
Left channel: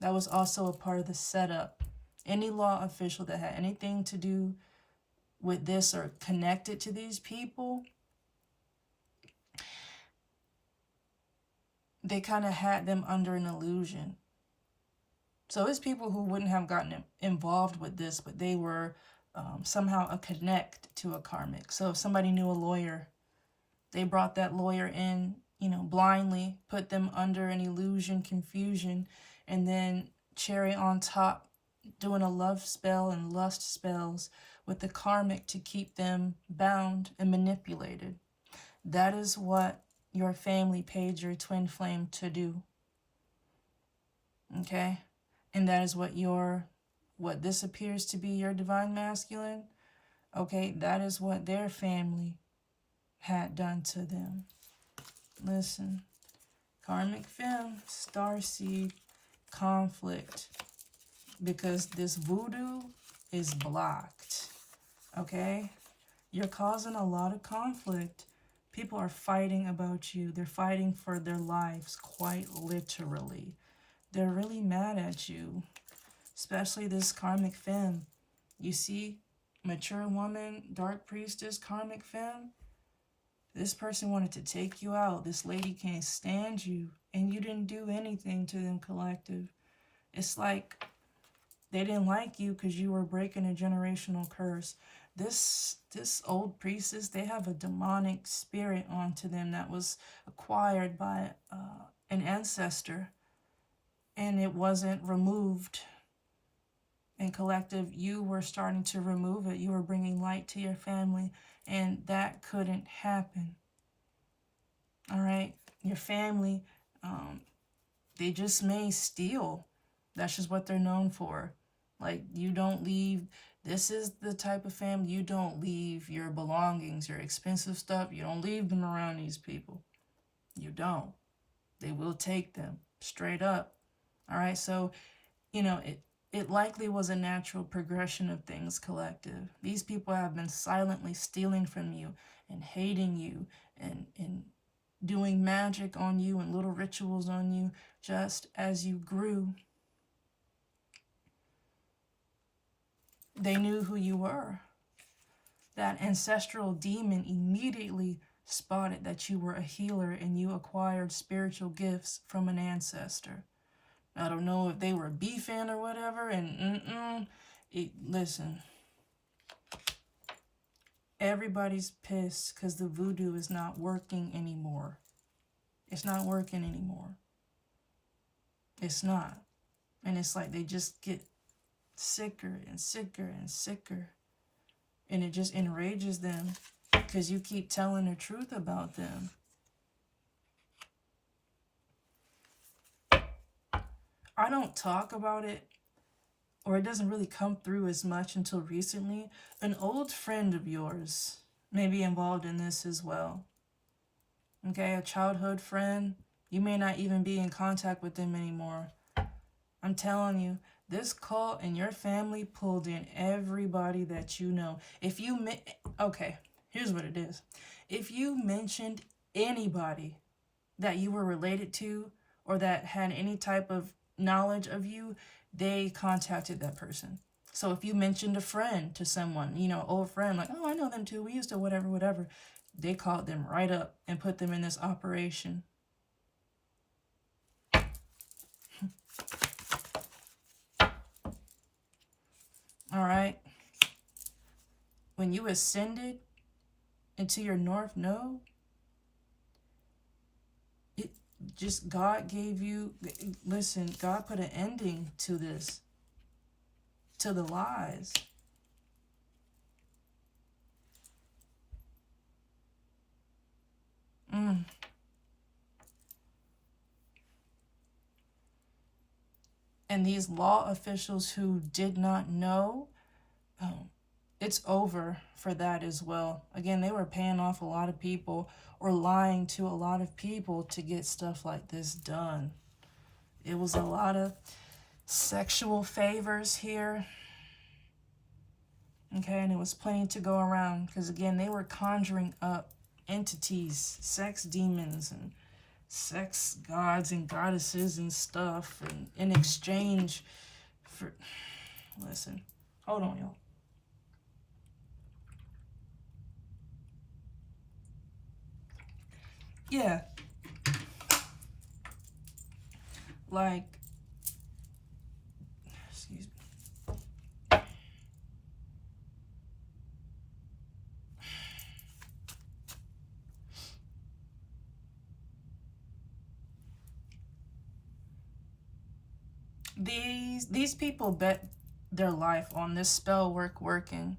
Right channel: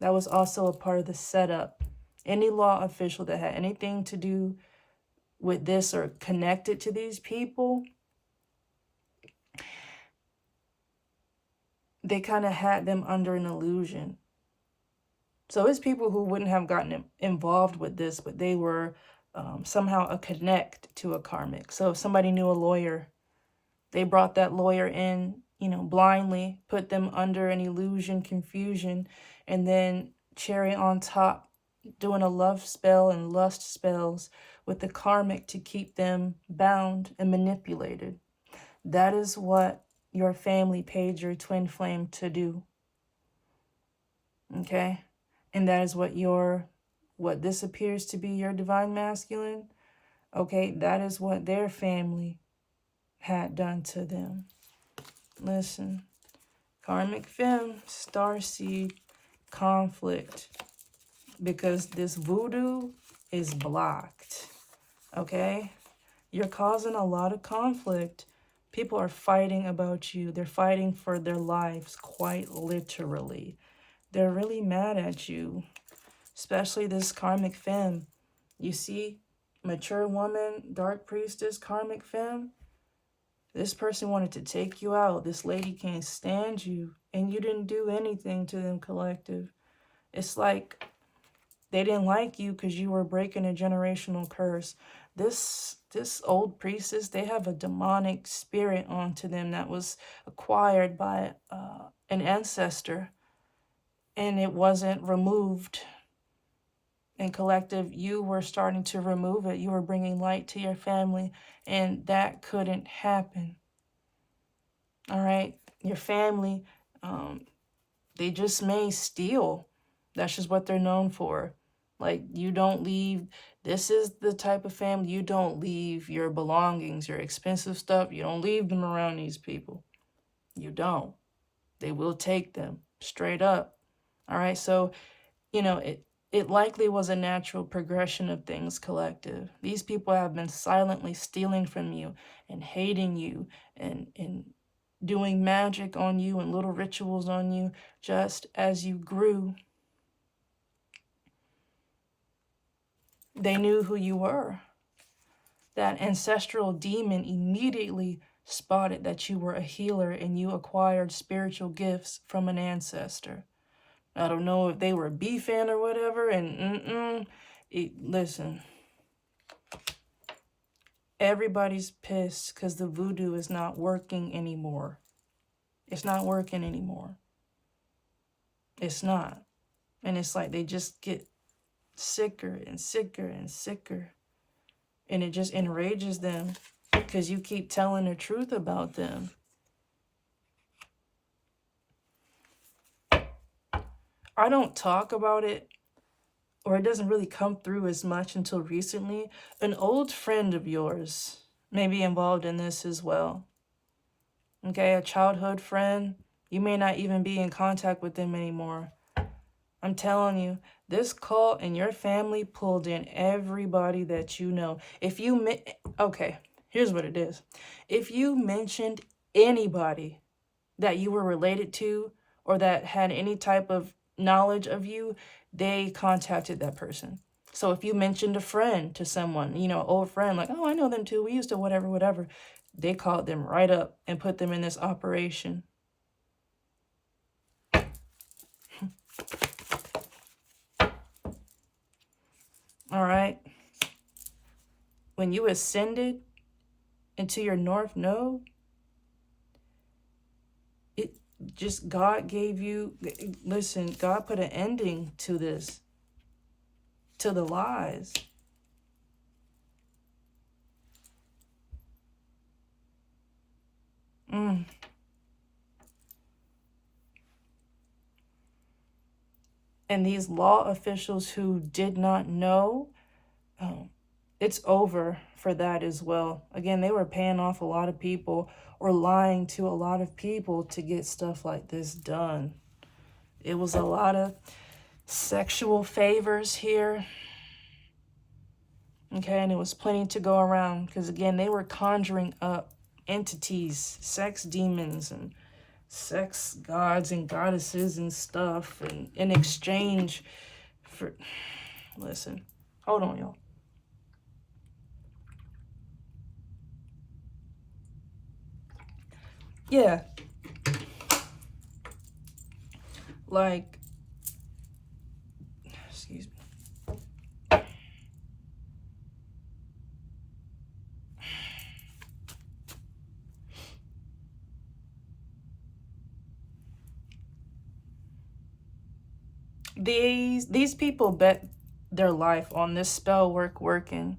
That was also a part of the setup. Any law official that had anything to do with this or connected to these people, they kind of had them under an illusion. So it's people who wouldn't have gotten involved with this, but they were somehow a connect to a karmic. So if somebody knew a lawyer, they brought that lawyer in, blindly, put them under an illusion, confusion, and then cherry on top, doing a love spell and lust spells with the karmic to keep them bound and manipulated. That is what, your family paid your twin flame to do. Okay? And that is what this appears to be your divine masculine. Okay, that is what their family had done to them. Listen, karmic femme, starseed, conflict, because this voodoo is blocked. Okay? You're causing a lot of conflict. People are fighting about you. They're fighting for their lives, quite literally. They're really mad at you, especially this karmic femme. You see, mature woman, dark priestess, karmic femme. This person wanted to take you out. This lady can't stand you, and you didn't do anything to them, collective. It's like they didn't like you because you were breaking a generational curse. This old priestess, they have a demonic spirit onto them that was acquired by an ancestor, and it wasn't removed. And collective, you were starting to remove it. You were bringing light to your family, and that couldn't happen. All right? Your family, they just may steal. That's just what they're known for. Like, you don't leave. This is the type of family, you don't leave your belongings, your expensive stuff. You don't leave them around these people. You don't. They will take them straight up. All right? So, you know, it likely was a natural progression of things, collective. These people have been silently stealing from you and hating you and doing magic on you and little rituals on you just as you grew. They knew who you were. That ancestral demon immediately spotted that you were a healer and you acquired spiritual gifts from an ancestor. I don't know if they were beefing or whatever, and listen, everybody's pissed because the voodoo is not working anymore. It's not working anymore. It's not. And it's like they just get sicker and sicker and sicker. And it just enrages them because you keep telling the truth about them. I don't talk about it, or it doesn't really come through as much until recently. An old friend of yours may be involved in this as well. Okay, a childhood friend. You may not even be in contact with them anymore. I'm telling you, this cult and your family pulled in everybody that you know. Okay, here's what it is. If you mentioned anybody that you were related to or that had any type of knowledge of you, they contacted that person. So if you mentioned a friend to someone, you know, old friend, like, oh, I know them too, we used to whatever, they called them right up and put them in this operation. All right. When you ascended into your north node, just God gave you, listen, God put an ending to this, to the lies. And these law officials who did not know, it's over for that as well. Again, they were paying off a lot of people or lying to a lot of people to get stuff like this done. It was a lot of sexual favors here. Okay, and it was plenty to go around because, again, they were conjuring up entities, sex demons and sex gods and goddesses and stuff, and in exchange for, listen, hold on, y'all. Yeah. Like, excuse me. These people bet their life on this spell working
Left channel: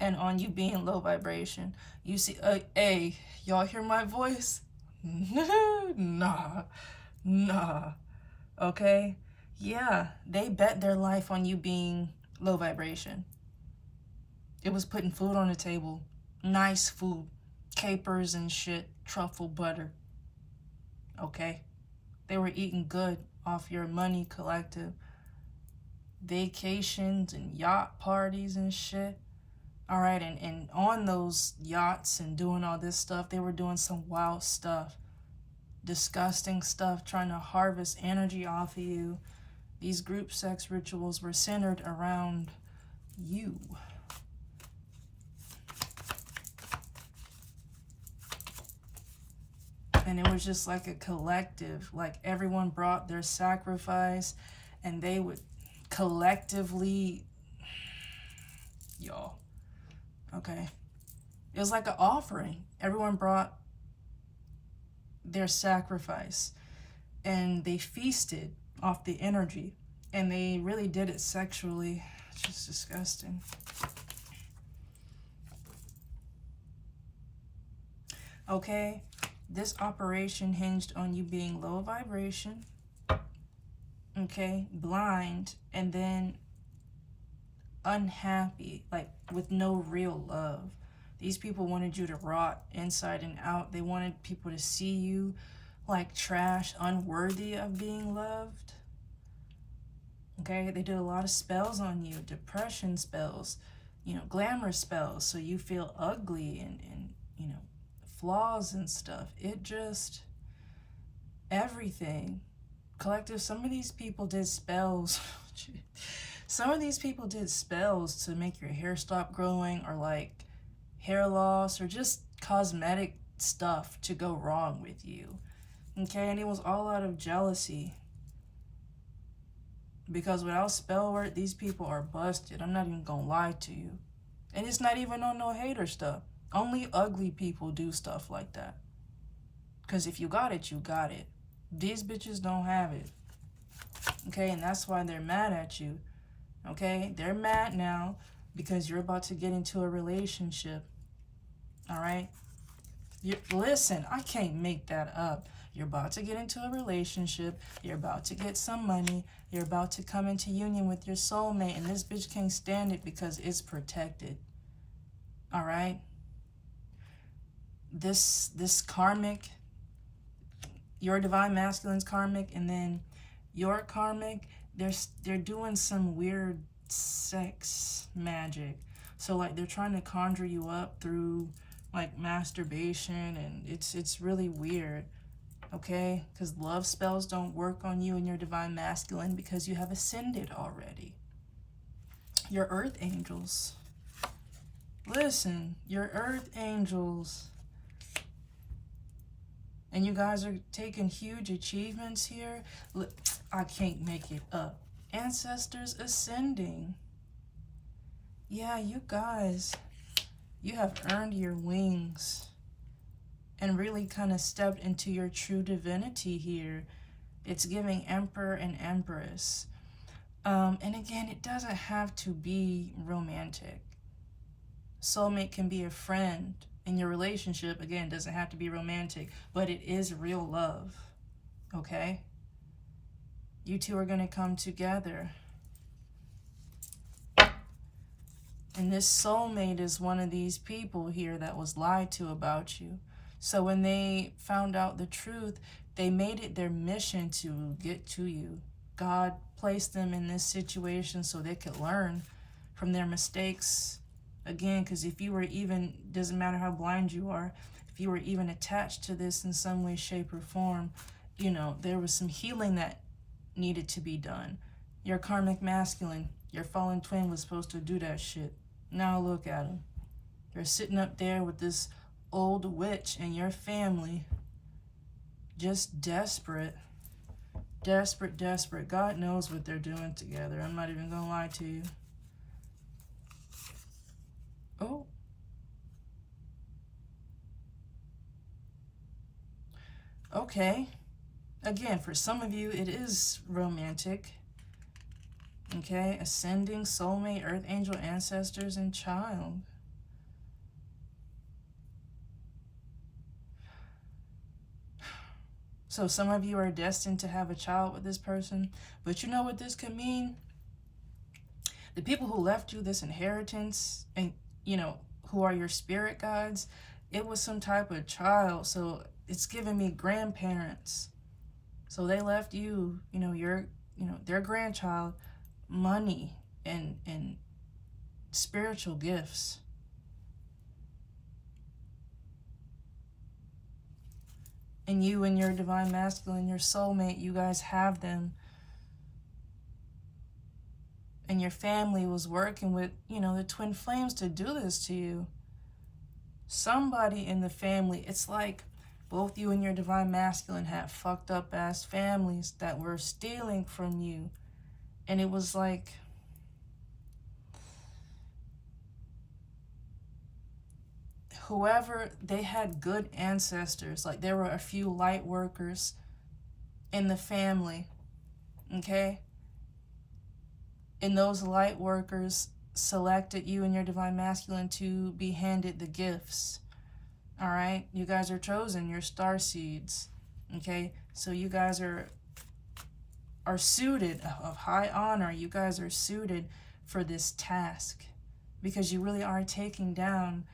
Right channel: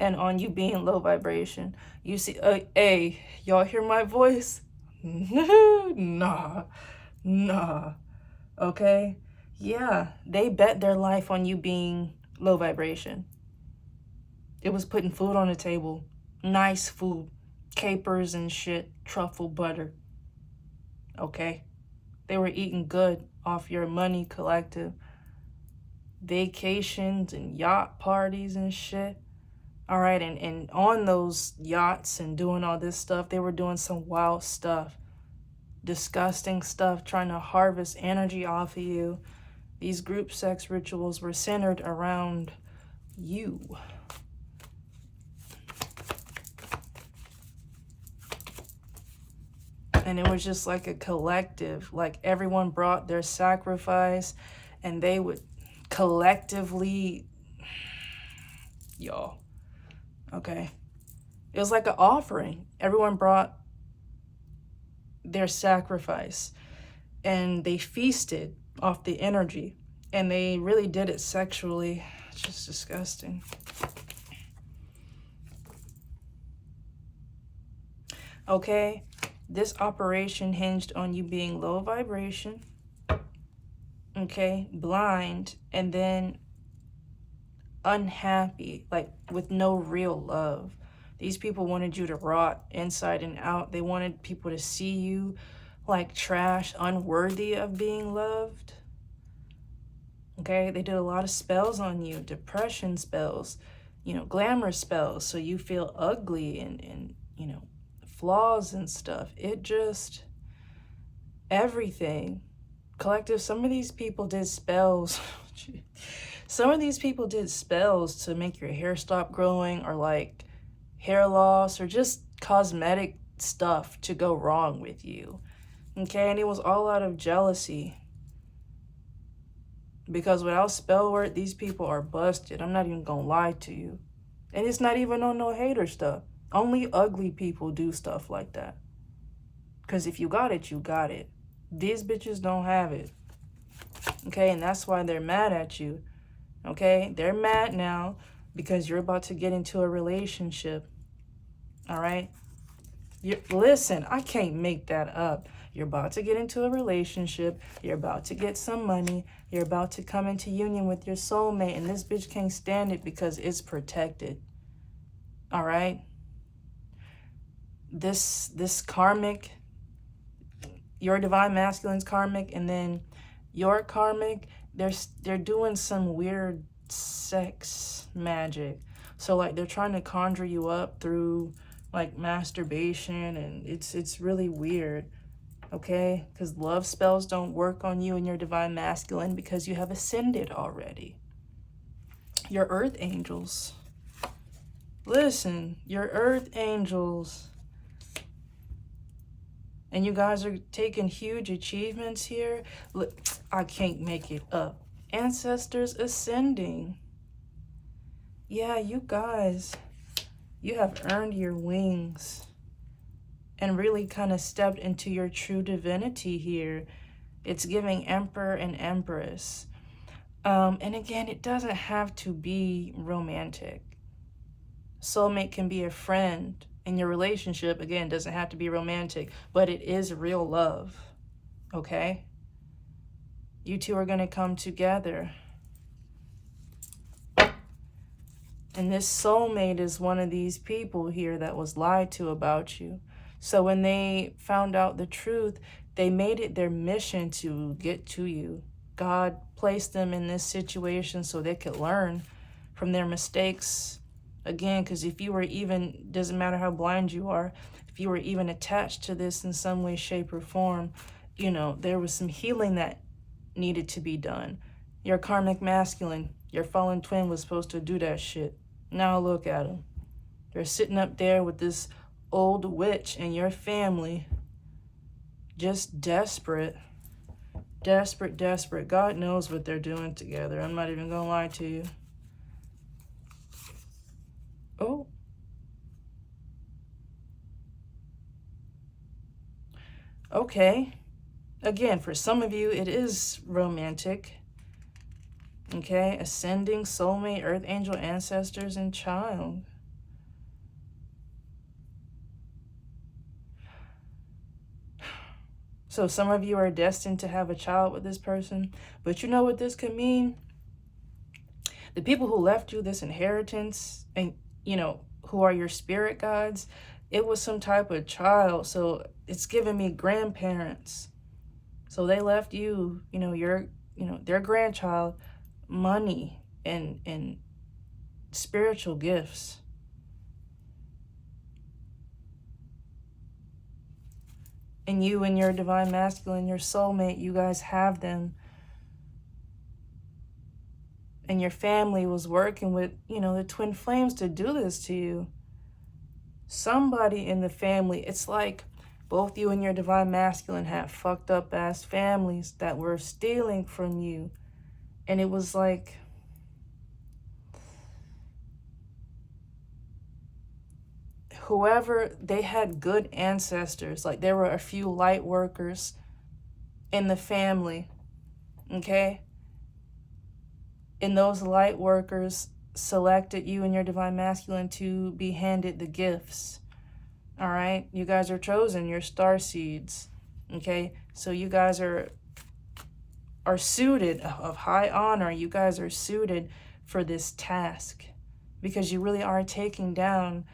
and on you being low vibration. You see, hey, y'all hear my voice? Nah, nah. Okay? Yeah, they bet their life on you being low vibration. It was putting food on the table. Nice food. Capers and shit. Truffle butter. Okay? They were eating good off your money collective. Vacations and yacht parties and shit. All right, and on those yachts and doing all this stuff, they were doing some wild stuff. Disgusting stuff, trying to harvest energy off of you. These group sex rituals were centered around you. And it was just like a collective, like everyone brought their sacrifice and they would collectively, y'all, okay? It was like an offering. Everyone brought their sacrifice and they feasted off the energy and they really did it sexually. It's just disgusting. Okay? This operation hinged on you being low vibration, okay, blind, and then unhappy, like with no real love. These people wanted you to rot inside and out. They wanted people to see you like trash, unworthy of being loved. Okay, they did a lot of spells on you, depression spells, you know, glamour spells, so you feel ugly and you know, flaws and stuff. It just, everything. Collective, some of these people did spells. Some of these people did spells to make your hair stop growing, or like hair loss, or just cosmetic stuff to go wrong with you. Okay, and it was all out of jealousy. Because without spell work, these people are busted. I'm not even gonna lie to you. And it's not even on no hater stuff. Only ugly people do stuff like that. Because if you got it, you got it. These bitches don't have it. Okay, and that's why they're mad at you. Okay, they're mad now because you're about to get into a relationship. All right? Listen, I can't make that up. You're about to get into a relationship. You're about to get some money. You're about to come into union with your soulmate. And this bitch can't stand it because it's protected. All right? This karmic, your divine masculine's karmic, and then your karmic, they're doing some weird sex magic. So like they're trying to conjure you up through like masturbation, and it's really weird. Okay, because love spells don't work on you and your divine masculine because you have ascended already. Your earth angels, listen, your earth angels, and you guys are taking huge achievements here. Look, I can't make it up. Ancestors ascending. Yeah, you guys, you have earned your wings and really kind of stepped into your true divinity here. It's giving Emperor and Empress. And again, it doesn't have to be romantic. Soulmate can be a friend. And your relationship, again, doesn't have to be romantic, but it is real love. Okay? You two are going to come together. And this soulmate is one of these people here that was lied to about you. So when they found out the truth, they made it their mission to get to you. God placed them in this situation so they could learn from their mistakes. Again, because if you were even, doesn't matter how blind you are, if you were even attached to this in some way, shape, or form, you know, there was some healing that needed to be done. Your karmic masculine, your fallen twin was supposed to do that shit. Now look at them. They're sitting up there with this old witch and your family, just desperate. Desperate, desperate. God knows what they're doing together. I'm not even gonna lie to you. Oh. Okay. Again, for some of you, it is romantic. Okay. Ascending, soulmate, earth angel, ancestors, and child. So some of you are destined to have a child with this person. But you know what this could mean? The people who left you this inheritance and, you know, who are your spirit guides, it was some type of child. So it's giving me grandparents. So they left you, you know, their grandchild, money and spiritual gifts. And you and your divine masculine, your soulmate, you guys have them. And your family was working with, you know, the twin flames to do this to you. Somebody in the family, it's like both you and your divine masculine had fucked up ass families that were stealing from you. And it was like, whoever, they had good ancestors. Like there were a few light workers in the family, okay? And those light workers selected you and your divine masculine to be handed the gifts. All right, you guys are chosen, you're star seeds. Okay, so you guys are suited, of high honor. You guys are suited for this task because you really are taking down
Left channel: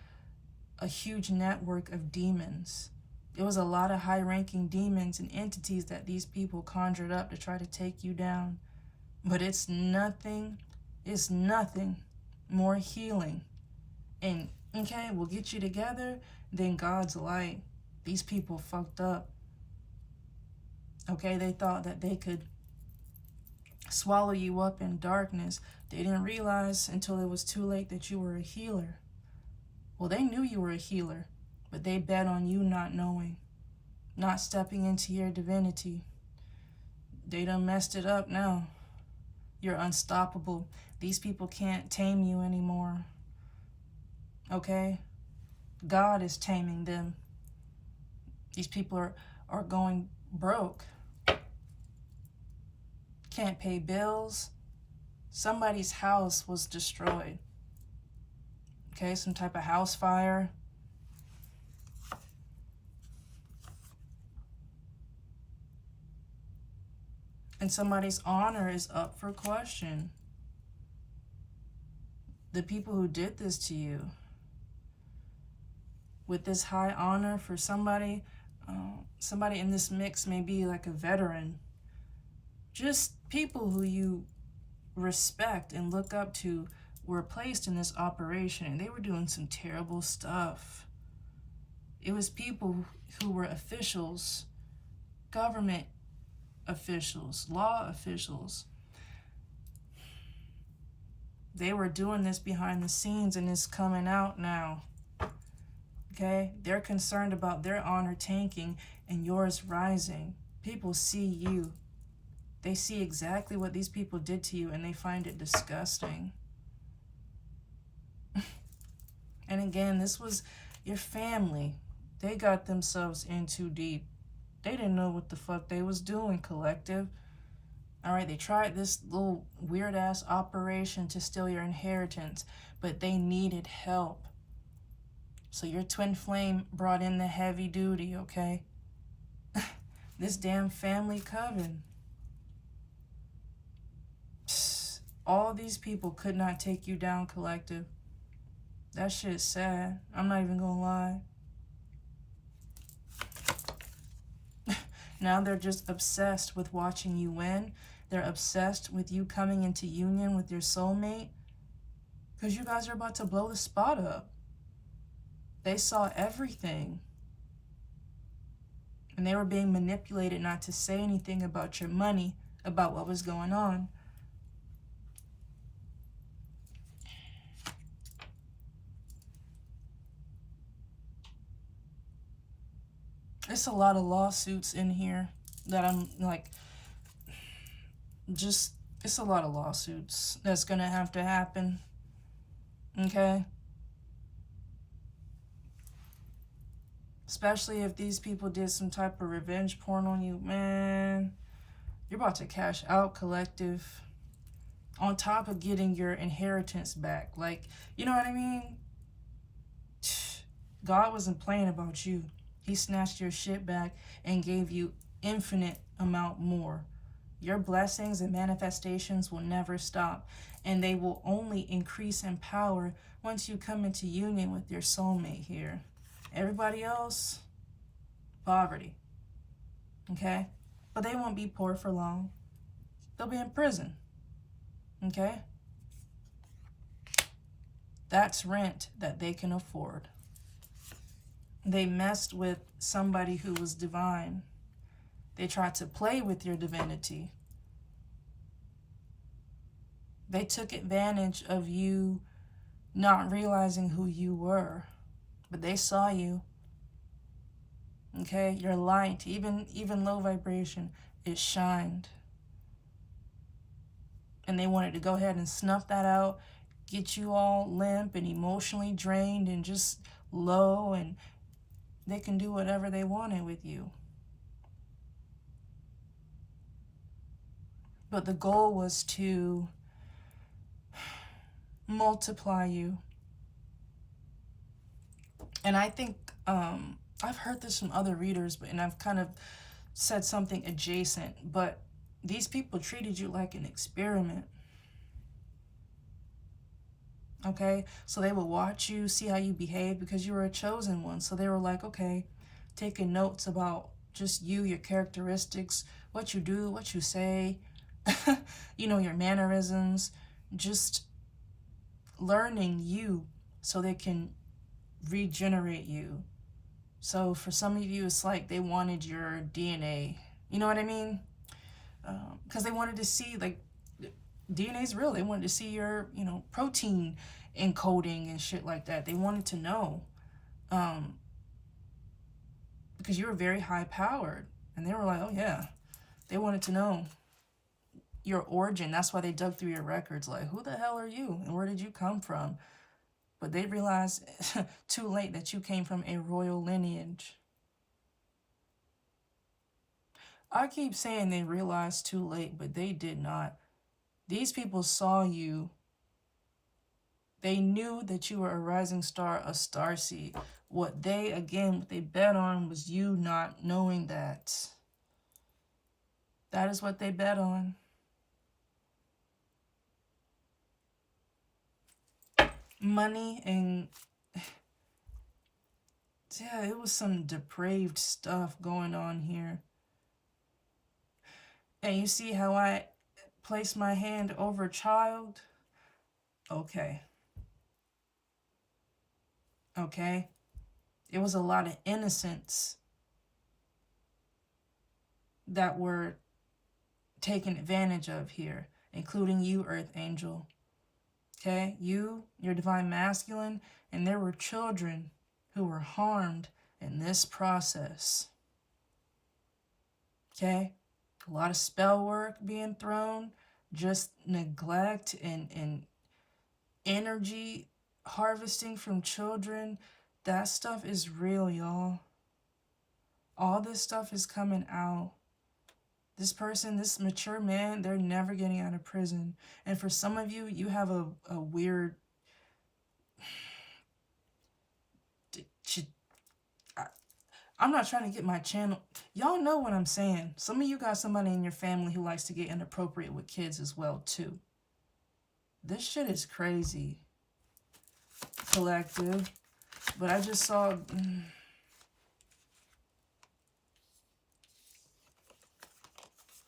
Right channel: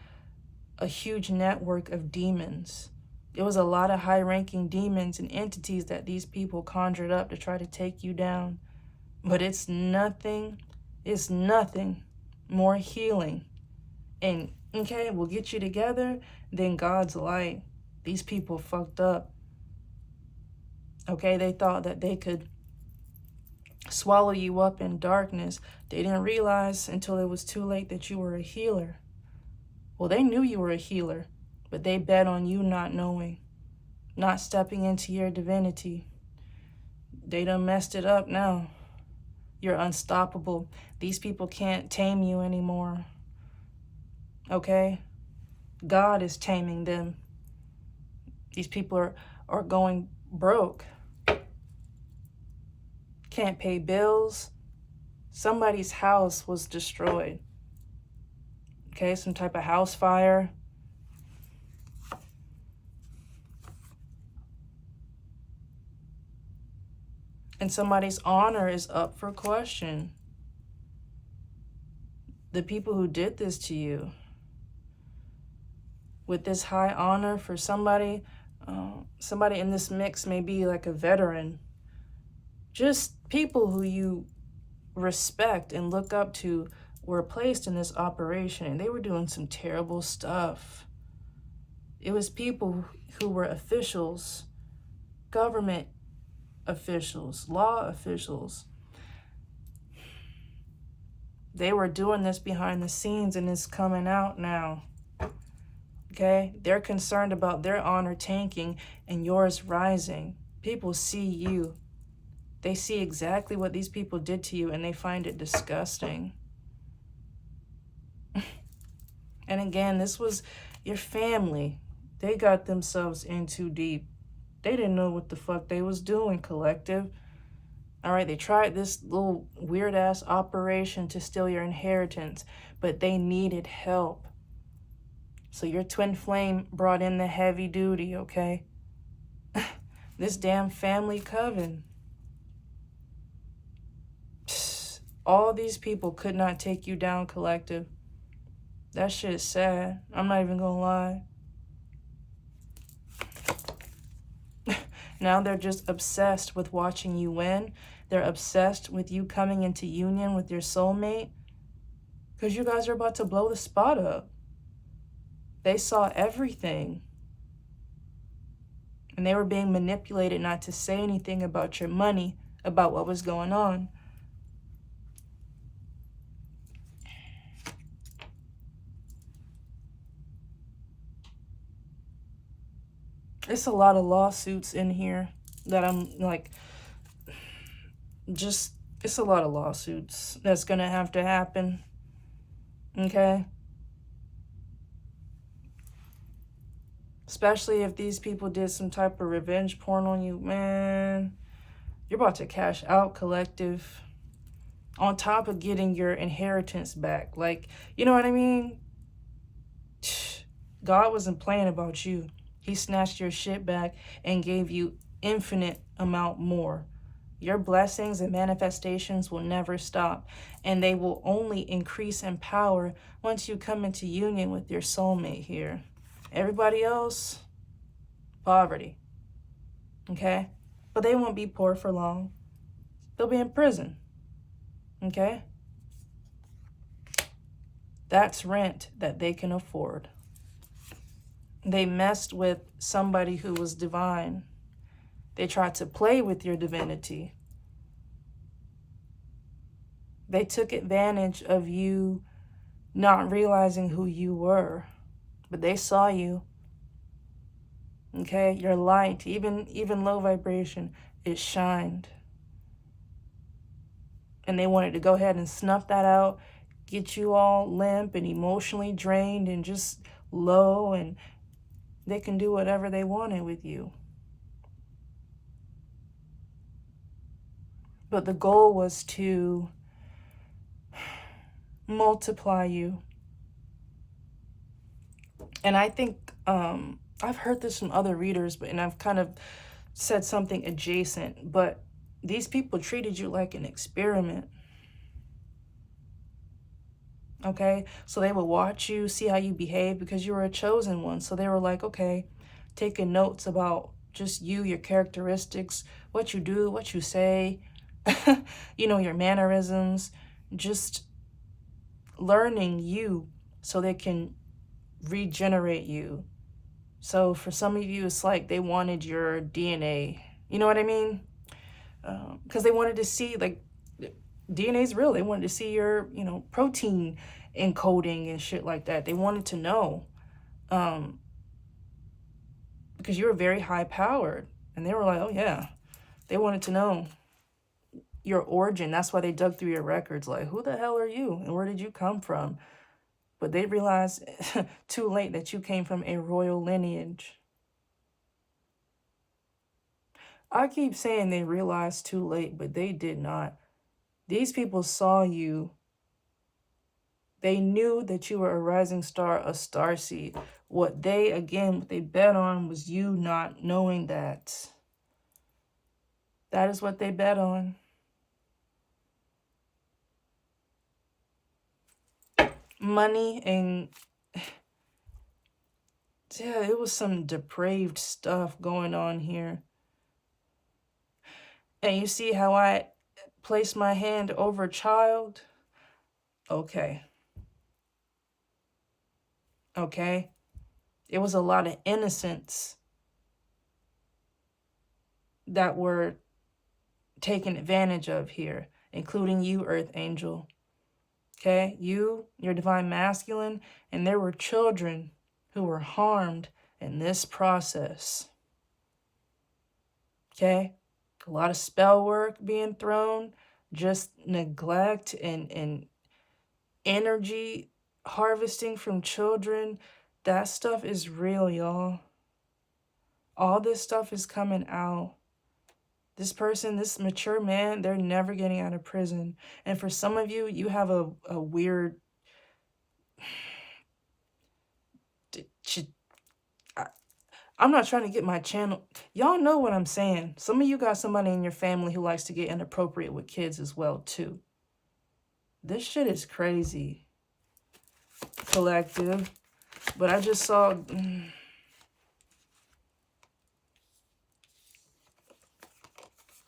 a huge network of demons. It was a lot of high-ranking demons and entities that these people conjured up to try to take you down. But it's nothing more healing. And, okay, we'll get you together than God's light. These people fucked up. Okay, they thought that they could swallow you up in darkness. They didn't realize until it was too late that you were a healer. Well, they knew you were a healer, but they bet on you not knowing, not stepping into your divinity. They done messed it up now. You're unstoppable. These people can't tame you anymore. Okay? God is taming them. These people are going broke. Can't pay bills. Somebody's house was destroyed. Okay, some type of house fire. And somebody's honor is up for question. The people who did this to you, with this high honor for somebody, somebody in this mix may be like a veteran. Just people who you respect and look up to were placed in this operation, and they were doing some terrible stuff. It was people who were officials, government officials, law officials. They were doing this behind the scenes, and it's coming out now. Okay? They're concerned about their honor tanking and yours rising. People see you. They see exactly what these people did to you, and they find it disgusting. And again, this was your family. They got themselves in too deep. They didn't know what the fuck they was doing, collective. All right, they tried this little weird-ass operation to steal your inheritance, but they needed help. So your twin flame brought in the heavy duty, okay? This damn family coven. All these people could not take you down, collective. That shit is sad. I'm not even gonna lie. Now they're just obsessed with watching you win. They're obsessed with you coming into union with your soulmate. Because you guys are about to blow the spot up. They saw everything. And they were being manipulated not to say anything about your money, about what was going on. It's a lot of lawsuits in here that I'm like, just, it's a lot of lawsuits that's gonna have to happen. Okay? Especially if these people did some type of revenge porn on you, man. You're about to cash out, collective. On top of getting your inheritance back. Like, you know what I mean? God wasn't playing about you. He snatched your shit back and gave you infinite amount more. Your blessings and manifestations will never stop, and they will only increase in power once you come into union with your soulmate here. Everybody else, poverty, okay? But they won't be poor for long. They'll be in prison, okay? That's rent that they can afford. They messed with somebody who was divine. They tried to play with your divinity. They took advantage of you not realizing who you were, but they saw you. Okay, your light, even low vibration, it shined. And they wanted to go ahead and snuff that out, get you all limp and emotionally drained and just low, and they can do whatever they wanted with you. But the goal was to multiply you. And I think I've heard this from other readers, and I've kind of said something adjacent, but these people treated you like an experiment. Okay, so they would watch you, see how you behave, because you were a chosen one. So they were like, okay, taking notes about just you, your characteristics, what you do, what you say, your mannerisms, just learning you so they can regenerate you. So for some of you, it's like they wanted your DNA. You know what I mean? Because they wanted to see, like, DNA is real. They wanted to see your, protein encoding and shit like that. They wanted to know. Because you were very high powered. And they were like, oh yeah. They wanted to know your origin. That's why they dug through your records. Like, who the hell are you? And where did you come from? But they realized too late that you came from a royal lineage. I keep saying they realized too late, but they did not. These people saw you. They knew that you were a rising star, a starseed. What they bet on was you not knowing that. That is what they bet on. Money and... yeah, it was some depraved stuff going on here. And you see how I place my hand over a child? Okay. Okay? It was a lot of innocents that were taken advantage of here, including you, Earth Angel. Okay? You, your divine masculine, and there were children who were harmed in this process. Okay? A lot of spell work being thrown, just neglect and energy harvesting from children. That stuff is real, y'all. All this stuff is coming out. This person, this mature man, they're never getting out of prison. And for some of you, you have a weird... I'm not trying to get my channel... Y'all know what I'm saying. Some of you got somebody in your family who likes to get inappropriate with kids as well, too. This shit is crazy. Collective. But I just saw...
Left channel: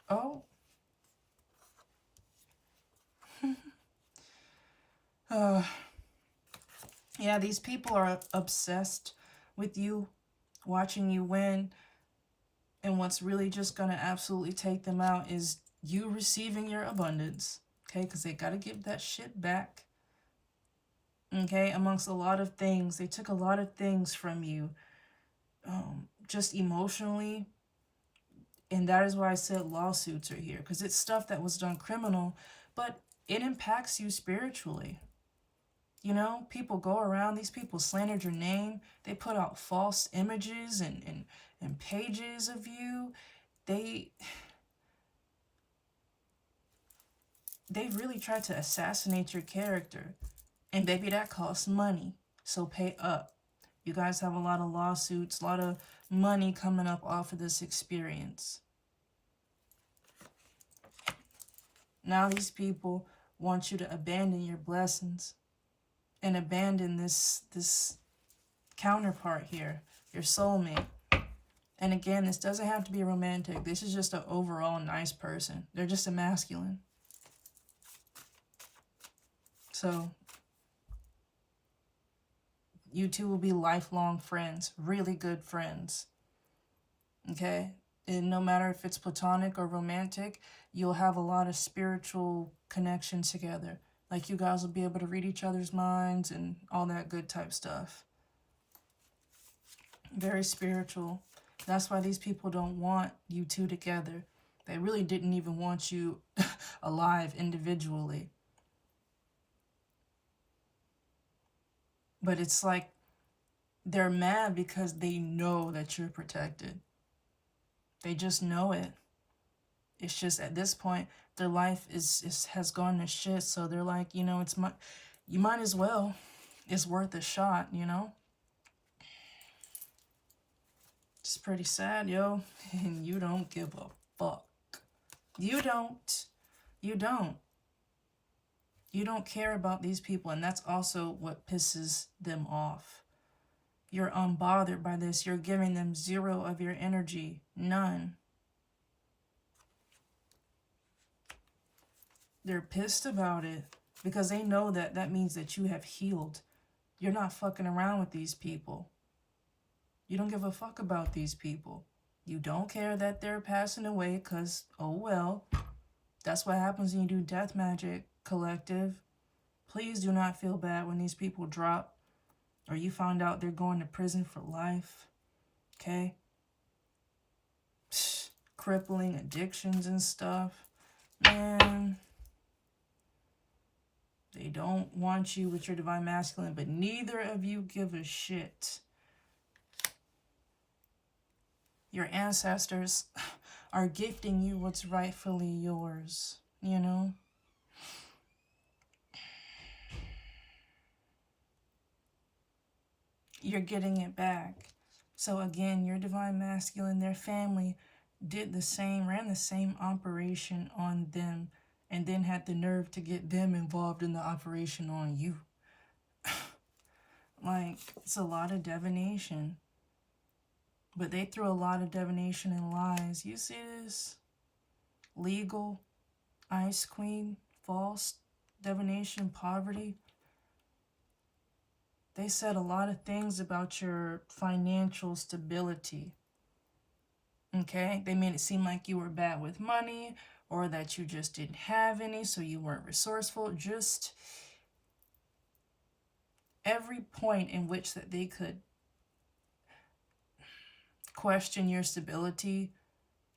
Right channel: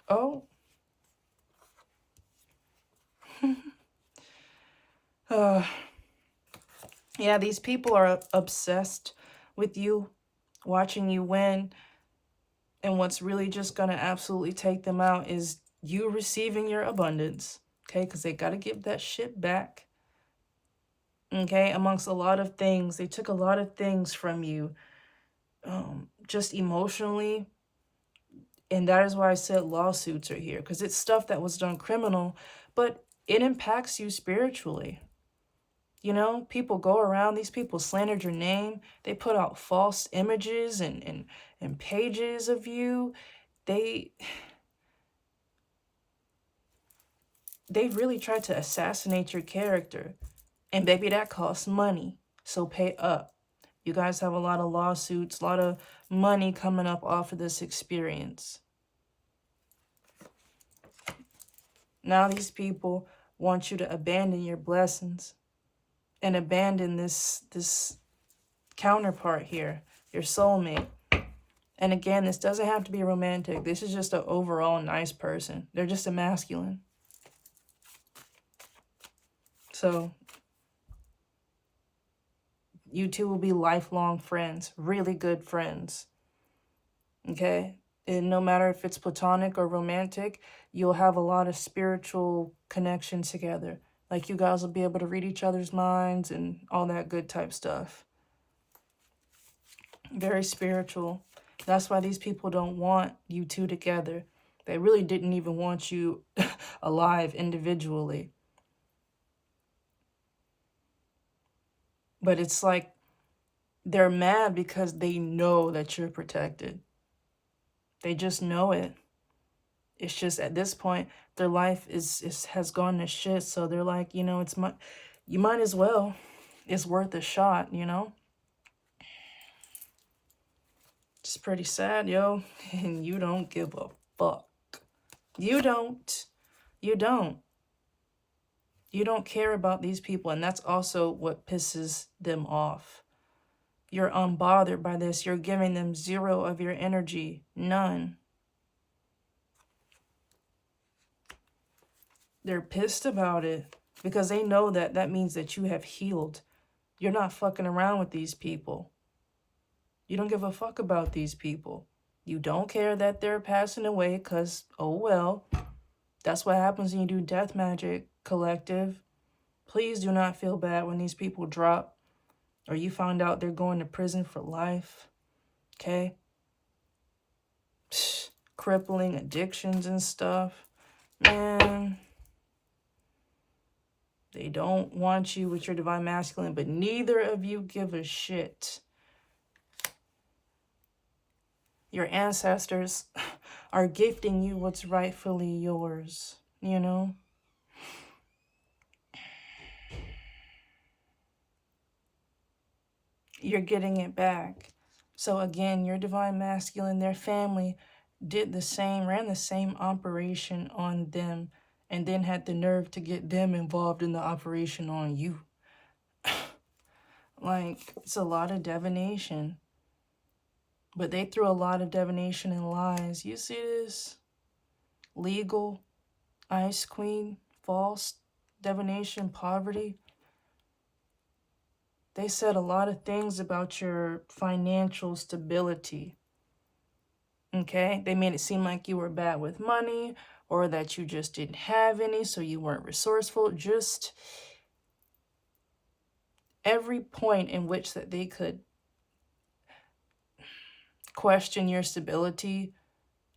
oh. Yeah, these people are obsessed with you, watching you win. And what's really just going to absolutely take them out is you receiving your abundance. Okay, because they got to give that shit back. Okay, amongst a lot of things. They took a lot of things from you. Just emotionally. And that is why I said lawsuits are here. Because it's stuff that was done criminal. But it impacts you spiritually. People go around, these people slandered your name. They put out false images and pages of you. They really tried to assassinate your character. And baby, that costs money. So pay up. You guys have a lot of lawsuits, a lot of money coming up off of this experience. Now these people want you to abandon your blessings and abandon this counterpart here, your soulmate. And again, this doesn't have to be romantic. This is just an overall nice person. They're just a masculine. So you two will be lifelong friends, really good friends. Okay? And no matter if it's platonic or romantic, you'll have a lot of spiritual connection together. Like you guys will be able to read each other's minds and all that good type stuff. Very spiritual. That's why these people don't want you two together. They really didn't even want you alive individually. But it's like they're mad because they know that you're protected. They just know it. It's just at this point, their life has gone to shit. So they're like, you know, you might as well. It's worth a shot, you know? It's pretty sad, yo. And you don't give a fuck. You don't. You don't. You don't care about these people. And that's also what pisses them off. You're unbothered by this. You're giving them zero of your energy. None. They're pissed about it because they know that that means that you have healed. You're not fucking around with these people. You don't give a fuck about these people. You don't care that they're passing away because, oh well, that's what happens when you do death magic, collective. Please do not feel bad when these people drop or you find out they're going to prison for life. Okay? Crippling addictions and stuff. Man, they don't want you with your divine masculine, but neither of you give a shit. Your ancestors are gifting you what's rightfully yours, you know? You're getting it back. So again, your divine masculine, their family did the same, ran the same operation on them, and then had the nerve to get them involved in the operation on you. Like, it's a lot of divination. But they threw a lot of divination and lies. You see this? Legal, Ice Queen, false, divination, poverty. They said a lot of things about your financial stability. Okay? They made it seem like you were bad with money or that you just didn't have any, so you weren't resourceful. Just every point in which that they could question your stability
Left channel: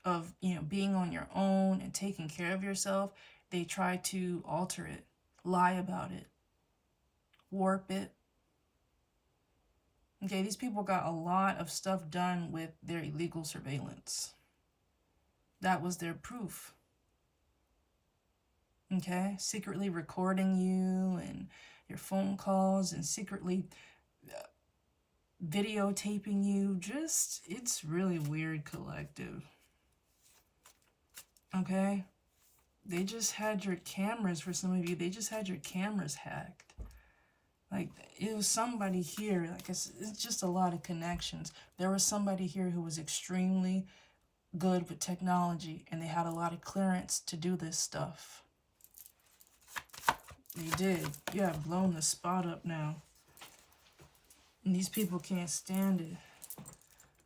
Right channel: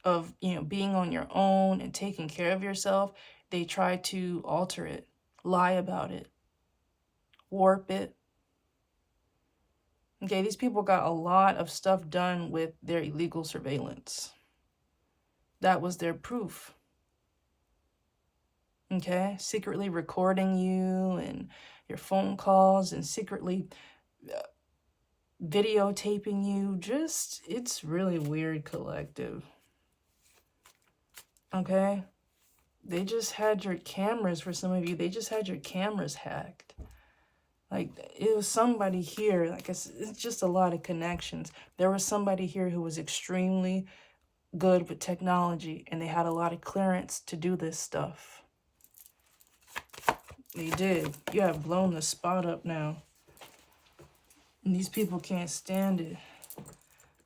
of, you know, being on your own and taking care of yourself, they try to alter it, lie about it, warp it. Okay, these people got a lot of stuff done with their illegal surveillance. That was their proof. Okay, secretly recording you and your phone calls and secretly videotaping you. Just, it's really weird, collective. Okay? They just had your cameras, for some of you, they just had your cameras hacked. Like, it was somebody here, like it's just a lot of connections. There was somebody here who was extremely good with technology, and they had a lot of clearance to do this stuff. They did. You have blown the spot up now. And these people can't stand it.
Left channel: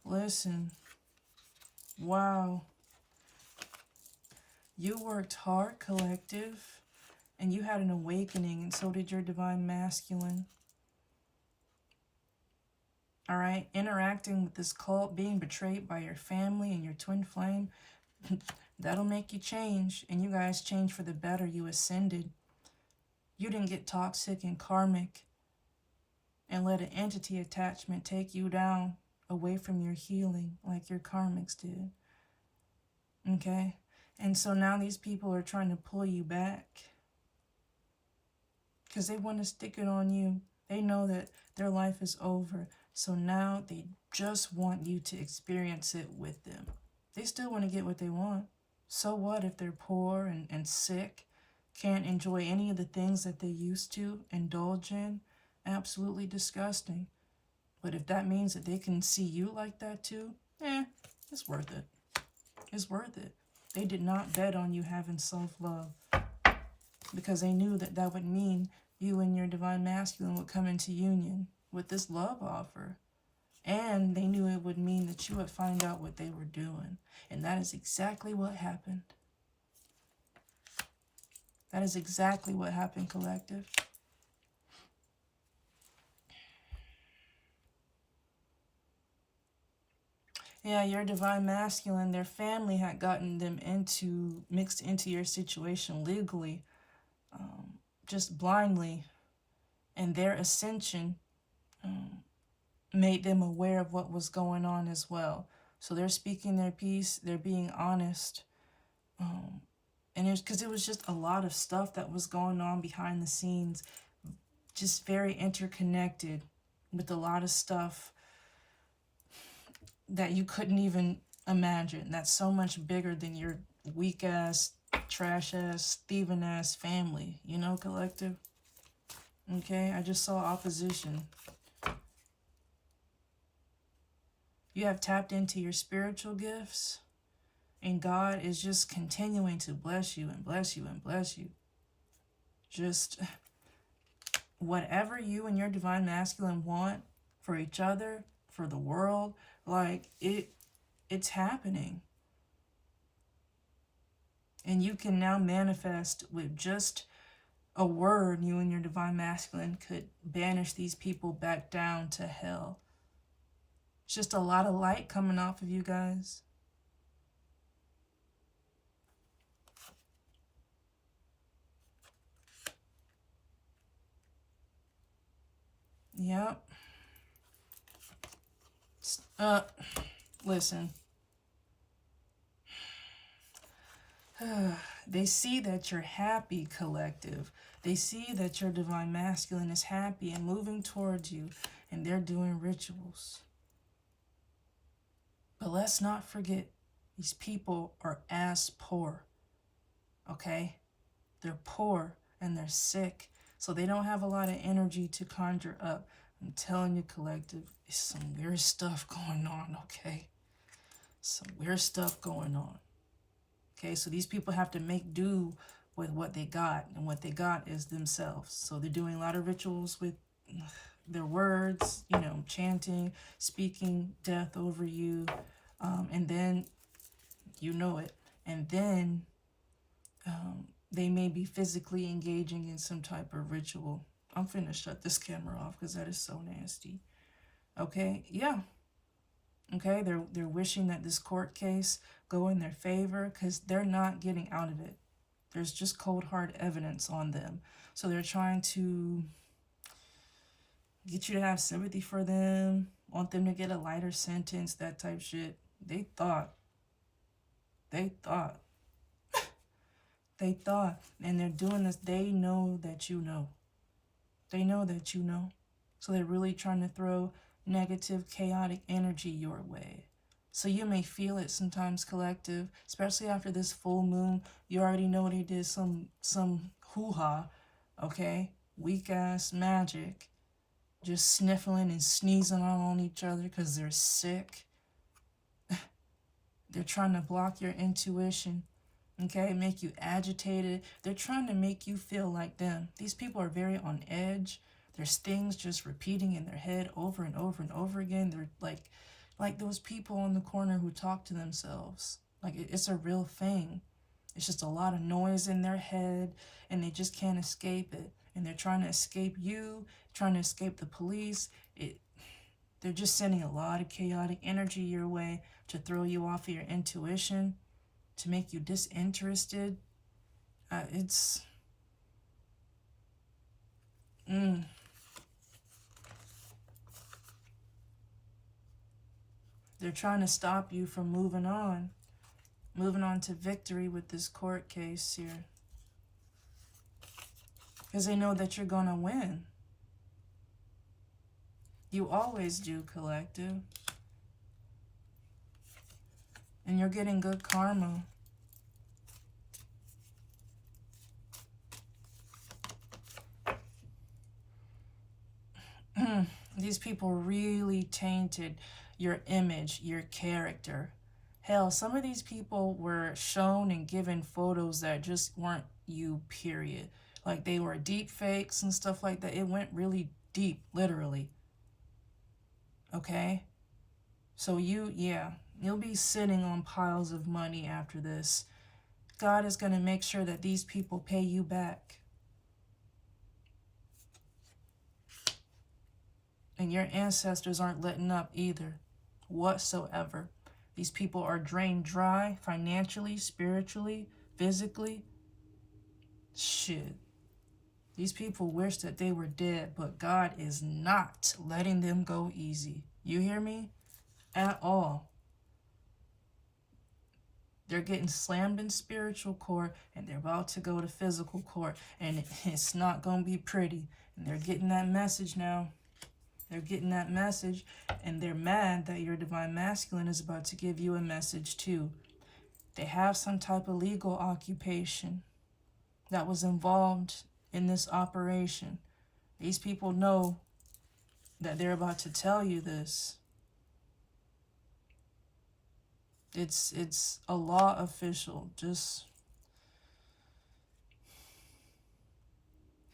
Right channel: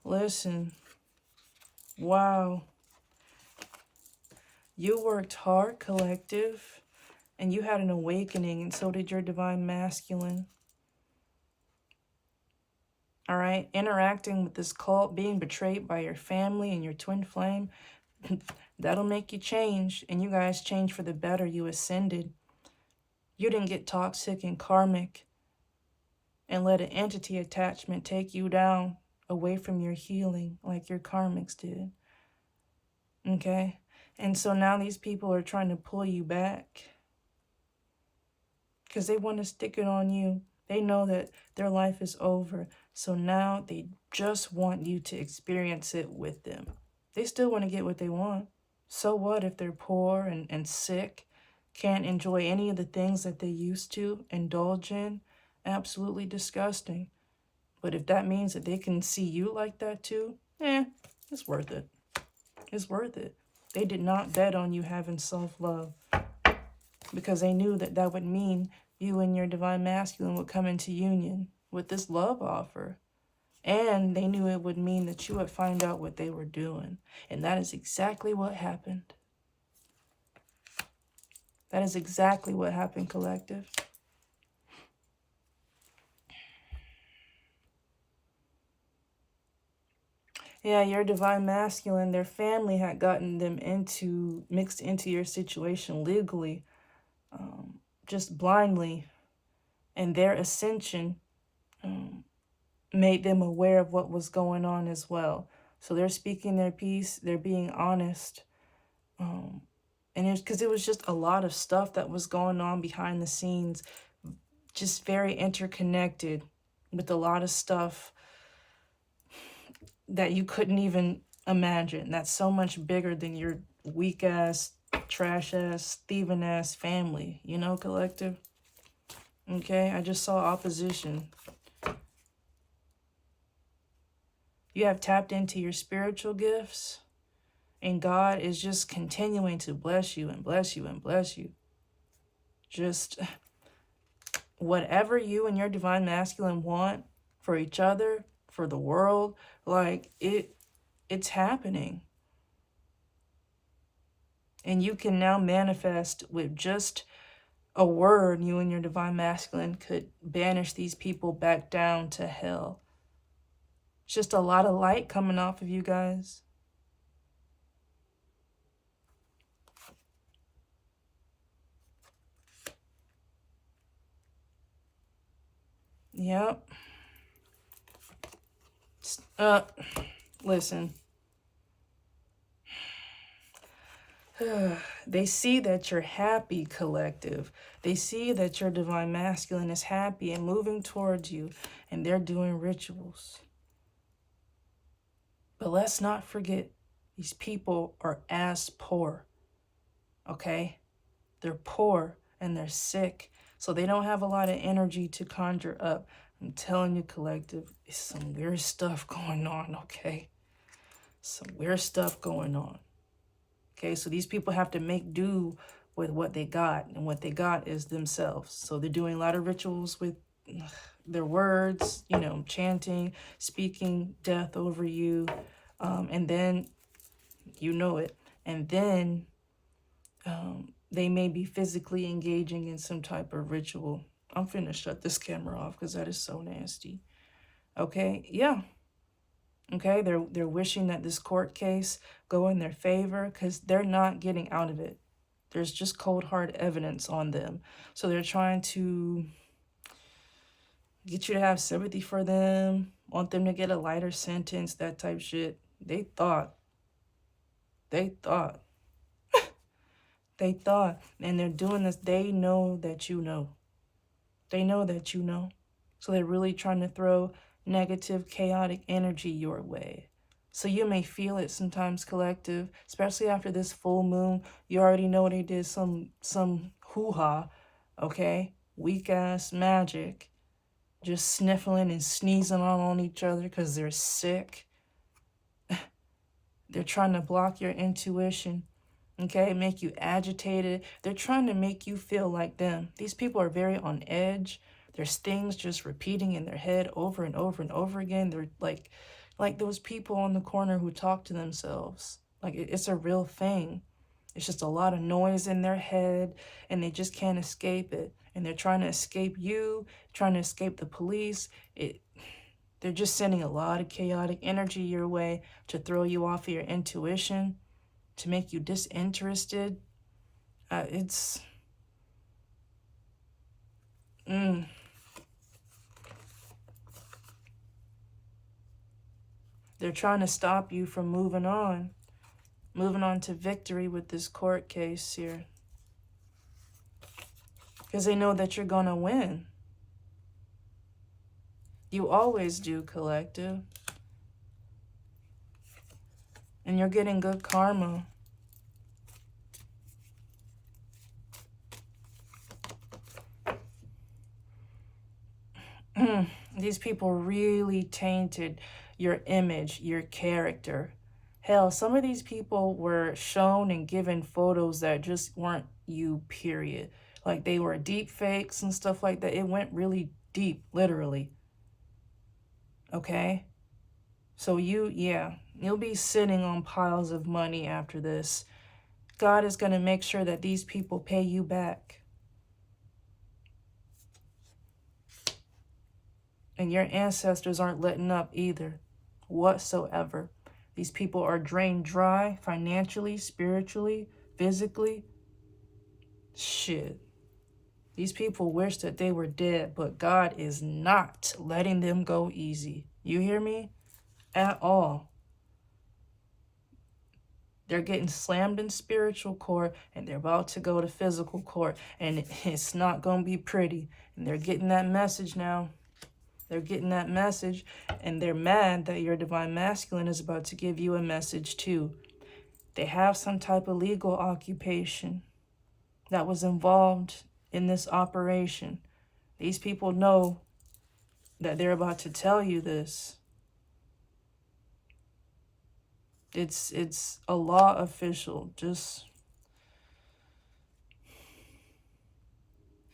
Listen. Wow. You worked hard, collective, and you had an awakening, and so did your divine masculine. All right? Interacting with this cult, being betrayed by your family and your twin flame, that'll make you change, and you guys change for the better. You ascended. You didn't get toxic and karmic and let an entity attachment take you down away from your healing like your karmics did. Okay? And so now these people are trying to pull you back because they want to stick it on you. They know that their life is over. So now they just want you to experience it with them. They still want to get what they want. So what if they're poor and sick, can't enjoy any of the things that they used to indulge in? Absolutely disgusting. But if that means that they can see you like that too, it's worth it. It's worth it. They did not bet on you having self-love because they knew that that would mean you and your divine masculine would come into union with this love offer. And they knew it would mean that you would find out what they were doing. And that is exactly what happened. That is exactly what happened, collective. Yeah, your divine masculine, their family had gotten them mixed into your situation legally, just blindly. And their ascension made them aware of what was going on as well. So they're speaking their piece, they're being honest. And it's because it was just a lot of stuff that was going on behind the scenes, just very interconnected with a lot of stuff that you couldn't even imagine. That's so much bigger than your weak ass, trash ass, thieving ass family, you know, collective. Okay, I just saw opposition. You have tapped into your spiritual gifts, and God is just continuing to bless you and bless you and bless you. Just whatever you and your divine masculine want for each other, for the world, like it's happening. And you can now manifest with just a word. You and your divine masculine could banish these people back down to hell. It's just a lot of light coming off of you guys. Yep. Listen. They see that you're happy, collective. They see that your divine masculine is happy and moving towards you, and they're doing rituals. But let's not forget, these people are ass poor, okay? They're poor and they're sick, so they don't have a lot of energy to conjure up. I'm telling you, collective, it's some weird stuff going on, okay? Some weird stuff going on. Okay, so these people have to make do with what they got, and what they got is themselves. So they're doing a lot of rituals with their words, you know, chanting, speaking death over you, and then, you know it, and then they may be physically engaging in some type of ritual. I'm finna shut this camera off because that is so nasty. Okay, yeah. Okay, they're wishing that this court case go in their favor because they're not getting out of it. There's just cold hard evidence on them. So they're trying to get you to have sympathy for them, want them to get a lighter sentence, that type shit. They thought, and they're doing this. They know that you know. They know that you know. So they're really trying to throw negative, chaotic energy your way. So you may feel it sometimes, collective, especially after this full moon. You already know they did some hoo-ha, okay? Weak ass magic. Just sniffling and sneezing on each other because they're sick. They're trying to block your intuition, okay? Make you agitated. They're trying to make you feel like them. These people are very on edge. There's things just repeating in their head over and over and over again. They're like those people on the corner who talk to themselves. Like it's a real thing. It's just a lot of noise in their head and they just can't escape it. And they're trying to escape you, trying to escape the police. They're just sending a lot of chaotic energy your way to throw you off of your intuition, to make you disinterested. They're trying to stop you from moving on to victory with this court case here. Because they know that you're going to win. You always do, collective. And you're getting good karma. These people really tainted your image, your character. Hell, some of these people were shown and given photos that just weren't you, period. Like they were deep fakes and stuff like that. It went really deep, literally. Okay? So you'll be sitting on piles of money after this. God is going to make sure that these people pay you back. And your ancestors aren't letting up either, whatsoever. These people are drained dry financially, spiritually, physically. Shit. These people wish that they were dead, but God is not letting them go easy. You hear me? At all. They're getting slammed in spiritual court, and they're about to go to physical court, and it's not going to be pretty. And they're getting that message now. They're getting that message, and they're mad that your divine masculine is about to give you a message too. They have some type of legal occupation that was involved in this operation. These people know that they're about to tell you this. It's a law official. Just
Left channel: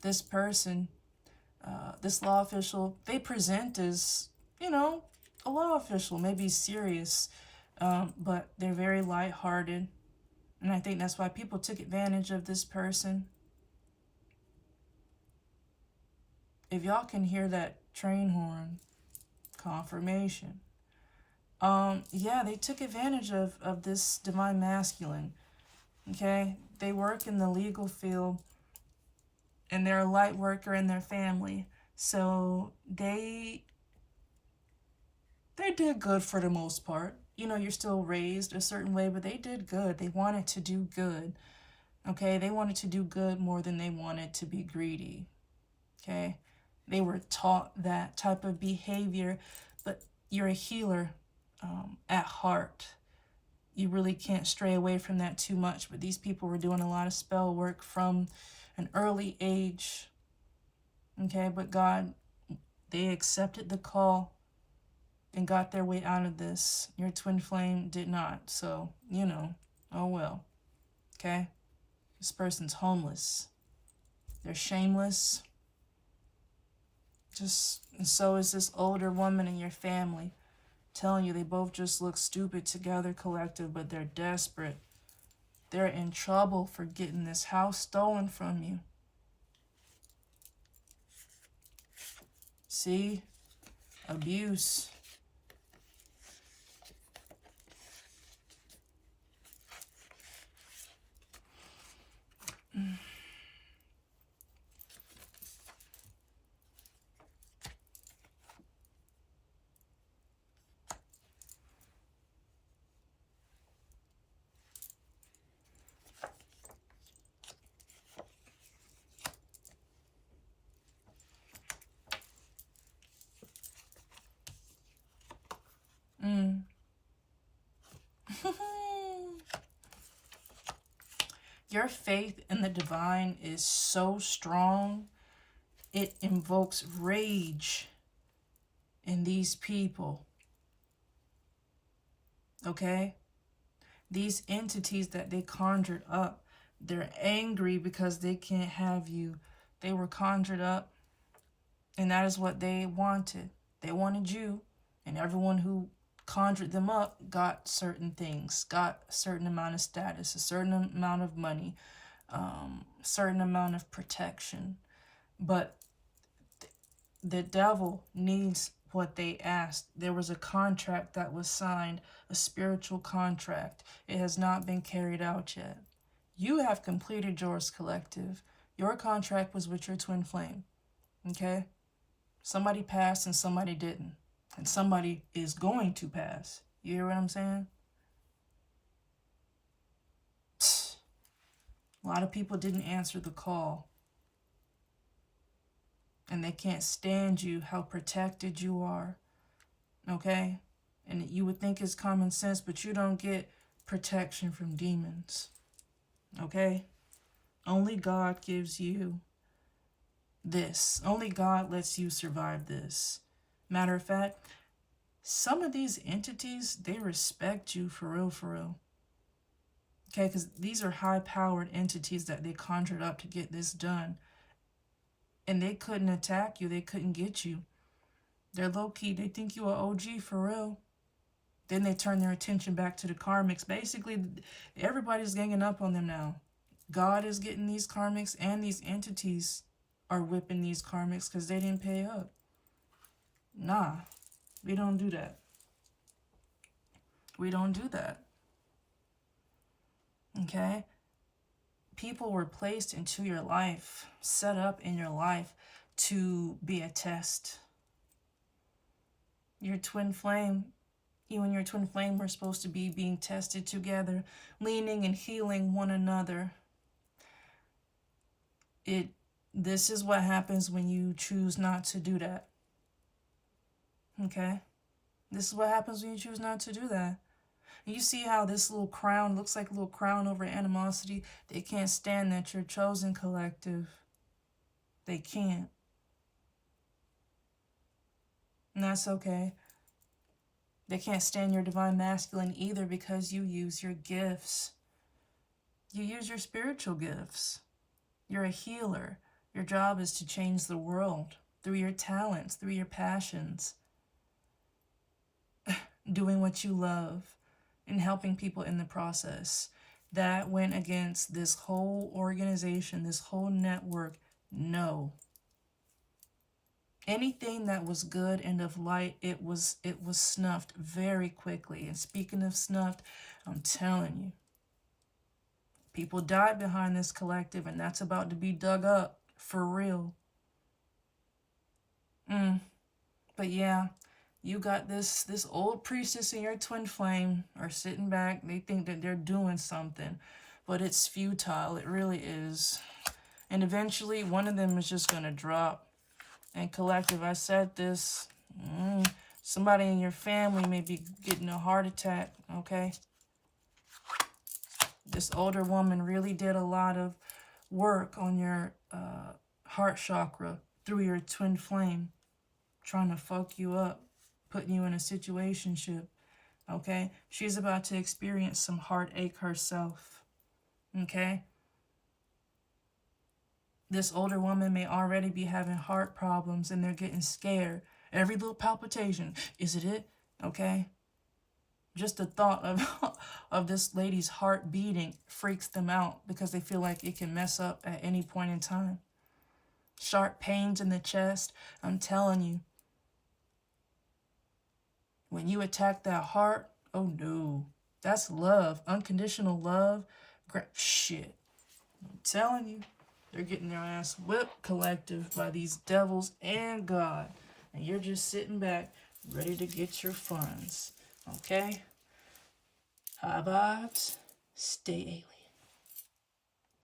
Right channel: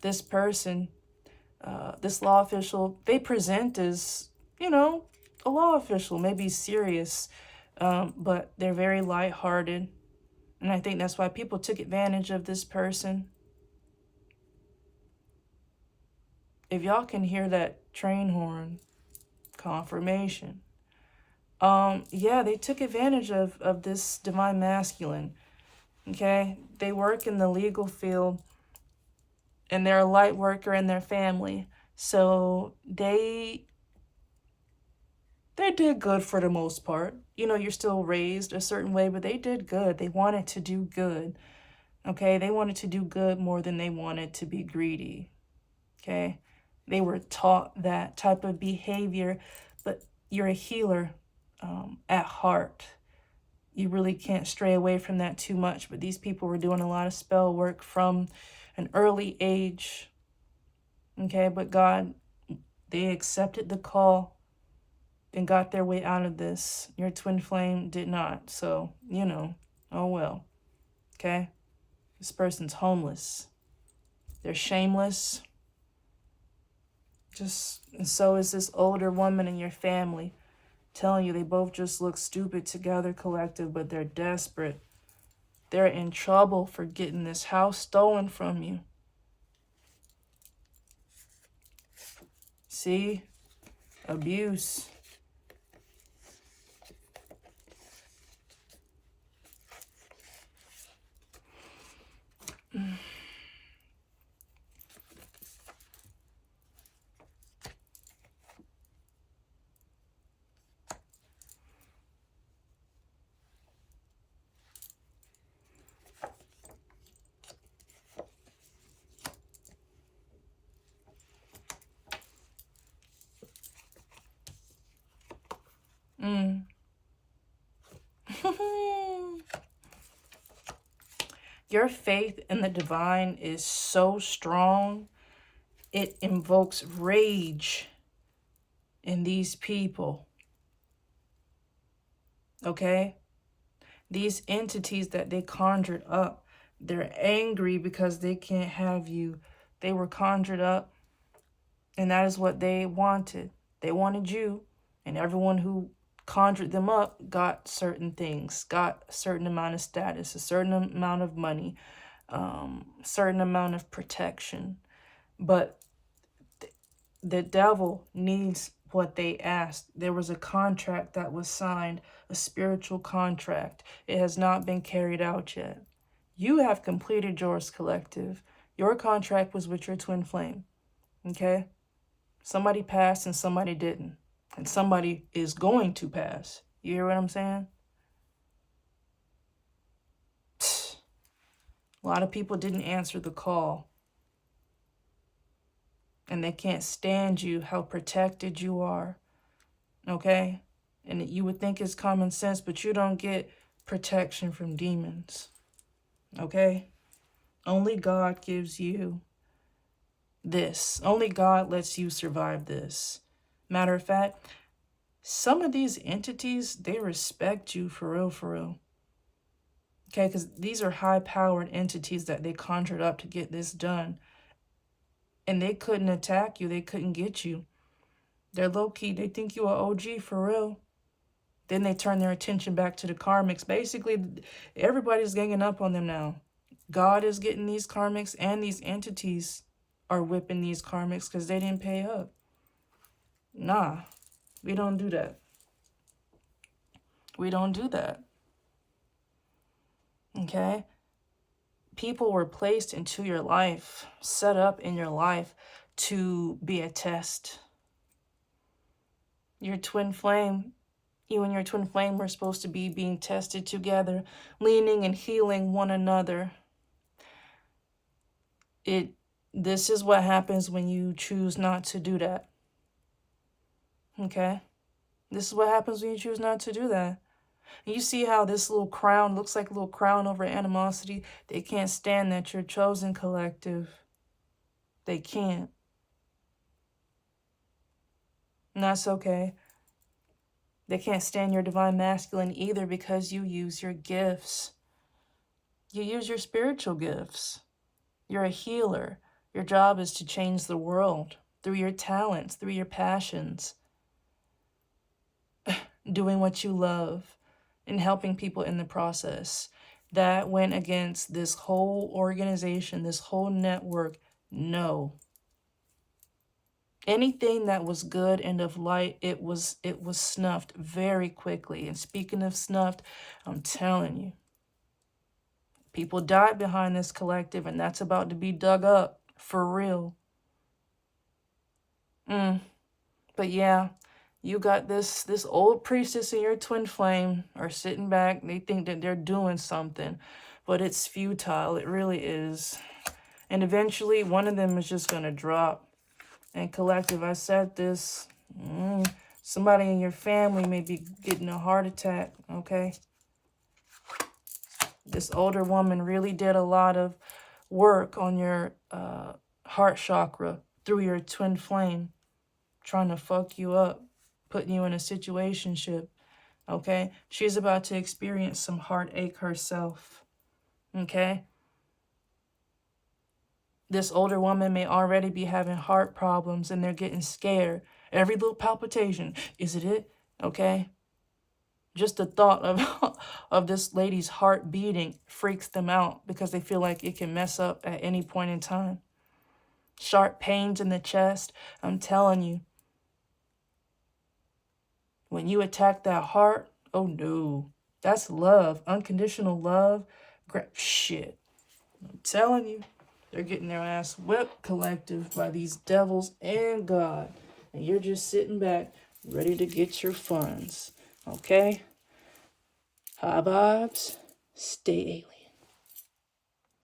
this person, this law official, they present as, a law official, maybe serious, but they're very lighthearted. And I think that's why people took advantage of this person. If y'all can hear that train horn, confirmation. Yeah, they took advantage of this divine masculine. Okay? They work in the legal field, and they're a light worker in their family. So they did good for the most part. You're still raised a certain way, but they did good. They wanted to do good. Okay? They wanted to do good more than they wanted to be greedy. Okay? They were taught that type of behavior, but you're a healer at heart. You really can't stray away from that too much, but these people were doing a lot of spell work from an early age. Okay, but God, they accepted the call and got their way out of this. Your twin flame did not, so, oh well. Okay? This person's homeless. They're shameless. And so is this older woman in your family. Telling you they both just look stupid together, collective, but they're desperate. They're in trouble for getting this house stolen from you. See? Abuse. Your faith in the divine is so strong, it invokes rage in these people. Okay? These entities that they conjured up, they're angry because they can't have you. They were conjured up, and that is what they wanted. They wanted you, and everyone who conjured them up got certain things, got a certain amount of status, a certain amount of money, certain amount of protection. But the devil needs what they asked. There was a contract that was signed, a spiritual contract. It has not been carried out yet. You have completed yours, collective. Your contract was with your twin flame. Okay? Somebody passed and somebody didn't. And somebody is going to pass. You hear what I'm saying? A lot of people didn't answer the call. And they can't stand you, how protected you are. Okay? And you would think it's common sense, but you don't get protection from demons. Okay? Only God gives you this. Only God lets you survive this. Matter of fact, some of these entities, they respect you for real, for real. Okay, because these are high-powered entities that they conjured up to get this done. And they couldn't attack you. They couldn't get you. They're low-key. They think you are OG for real. Then they turn their attention back to the karmics. Basically, everybody's ganging up on them now. God is getting these karmics, and these entities are whipping these karmics because they didn't pay up. Nah, we don't do that. We don't do that. Okay? People were placed into your life, set up in your life to be a test. Your twin flame, you and your twin flame were supposed to be being tested together, leaning and healing one another. This is what happens when you choose not to do that. Okay? This is what happens when you choose not to do that. And you see how this little crown looks like a little crown over animosity? They can't stand that you're chosen collective. They can't. And that's okay. They can't stand your divine masculine either because you use your gifts. You use your spiritual gifts. You're a healer. Your job is to change the world through your talents, through your passions, doing what you love and helping people in the process. That went against this whole organization, this whole network. No. Anything that was good and of light, it was snuffed very quickly. And speaking of snuffed, I'm telling you, people died behind this collective, and that's about to be dug up for real. But yeah, you got this old priestess and your twin flame are sitting back. They think that they're doing something, but it's futile. It really is. And eventually, one of them is just going to drop. And collective, I said this, somebody in your family may be getting a heart attack, okay? This older woman really did a lot of work on your heart chakra through your twin flame, trying to fuck you up, putting you in a situationship, okay? She's about to experience some heartache herself, okay? This older woman may already be having heart problems and they're getting scared. Every little palpitation, is it? Okay? Just the thought of this lady's heart beating freaks them out because they feel like it can mess up at any point in time. Sharp pains in the chest, I'm telling you. When you attack that heart, oh no. That's love, unconditional love. Shit. I'm telling you. They're getting their ass whipped, collective, by these devils and God. And you're just sitting back, ready to get your funds. Okay? High vibes, stay alien.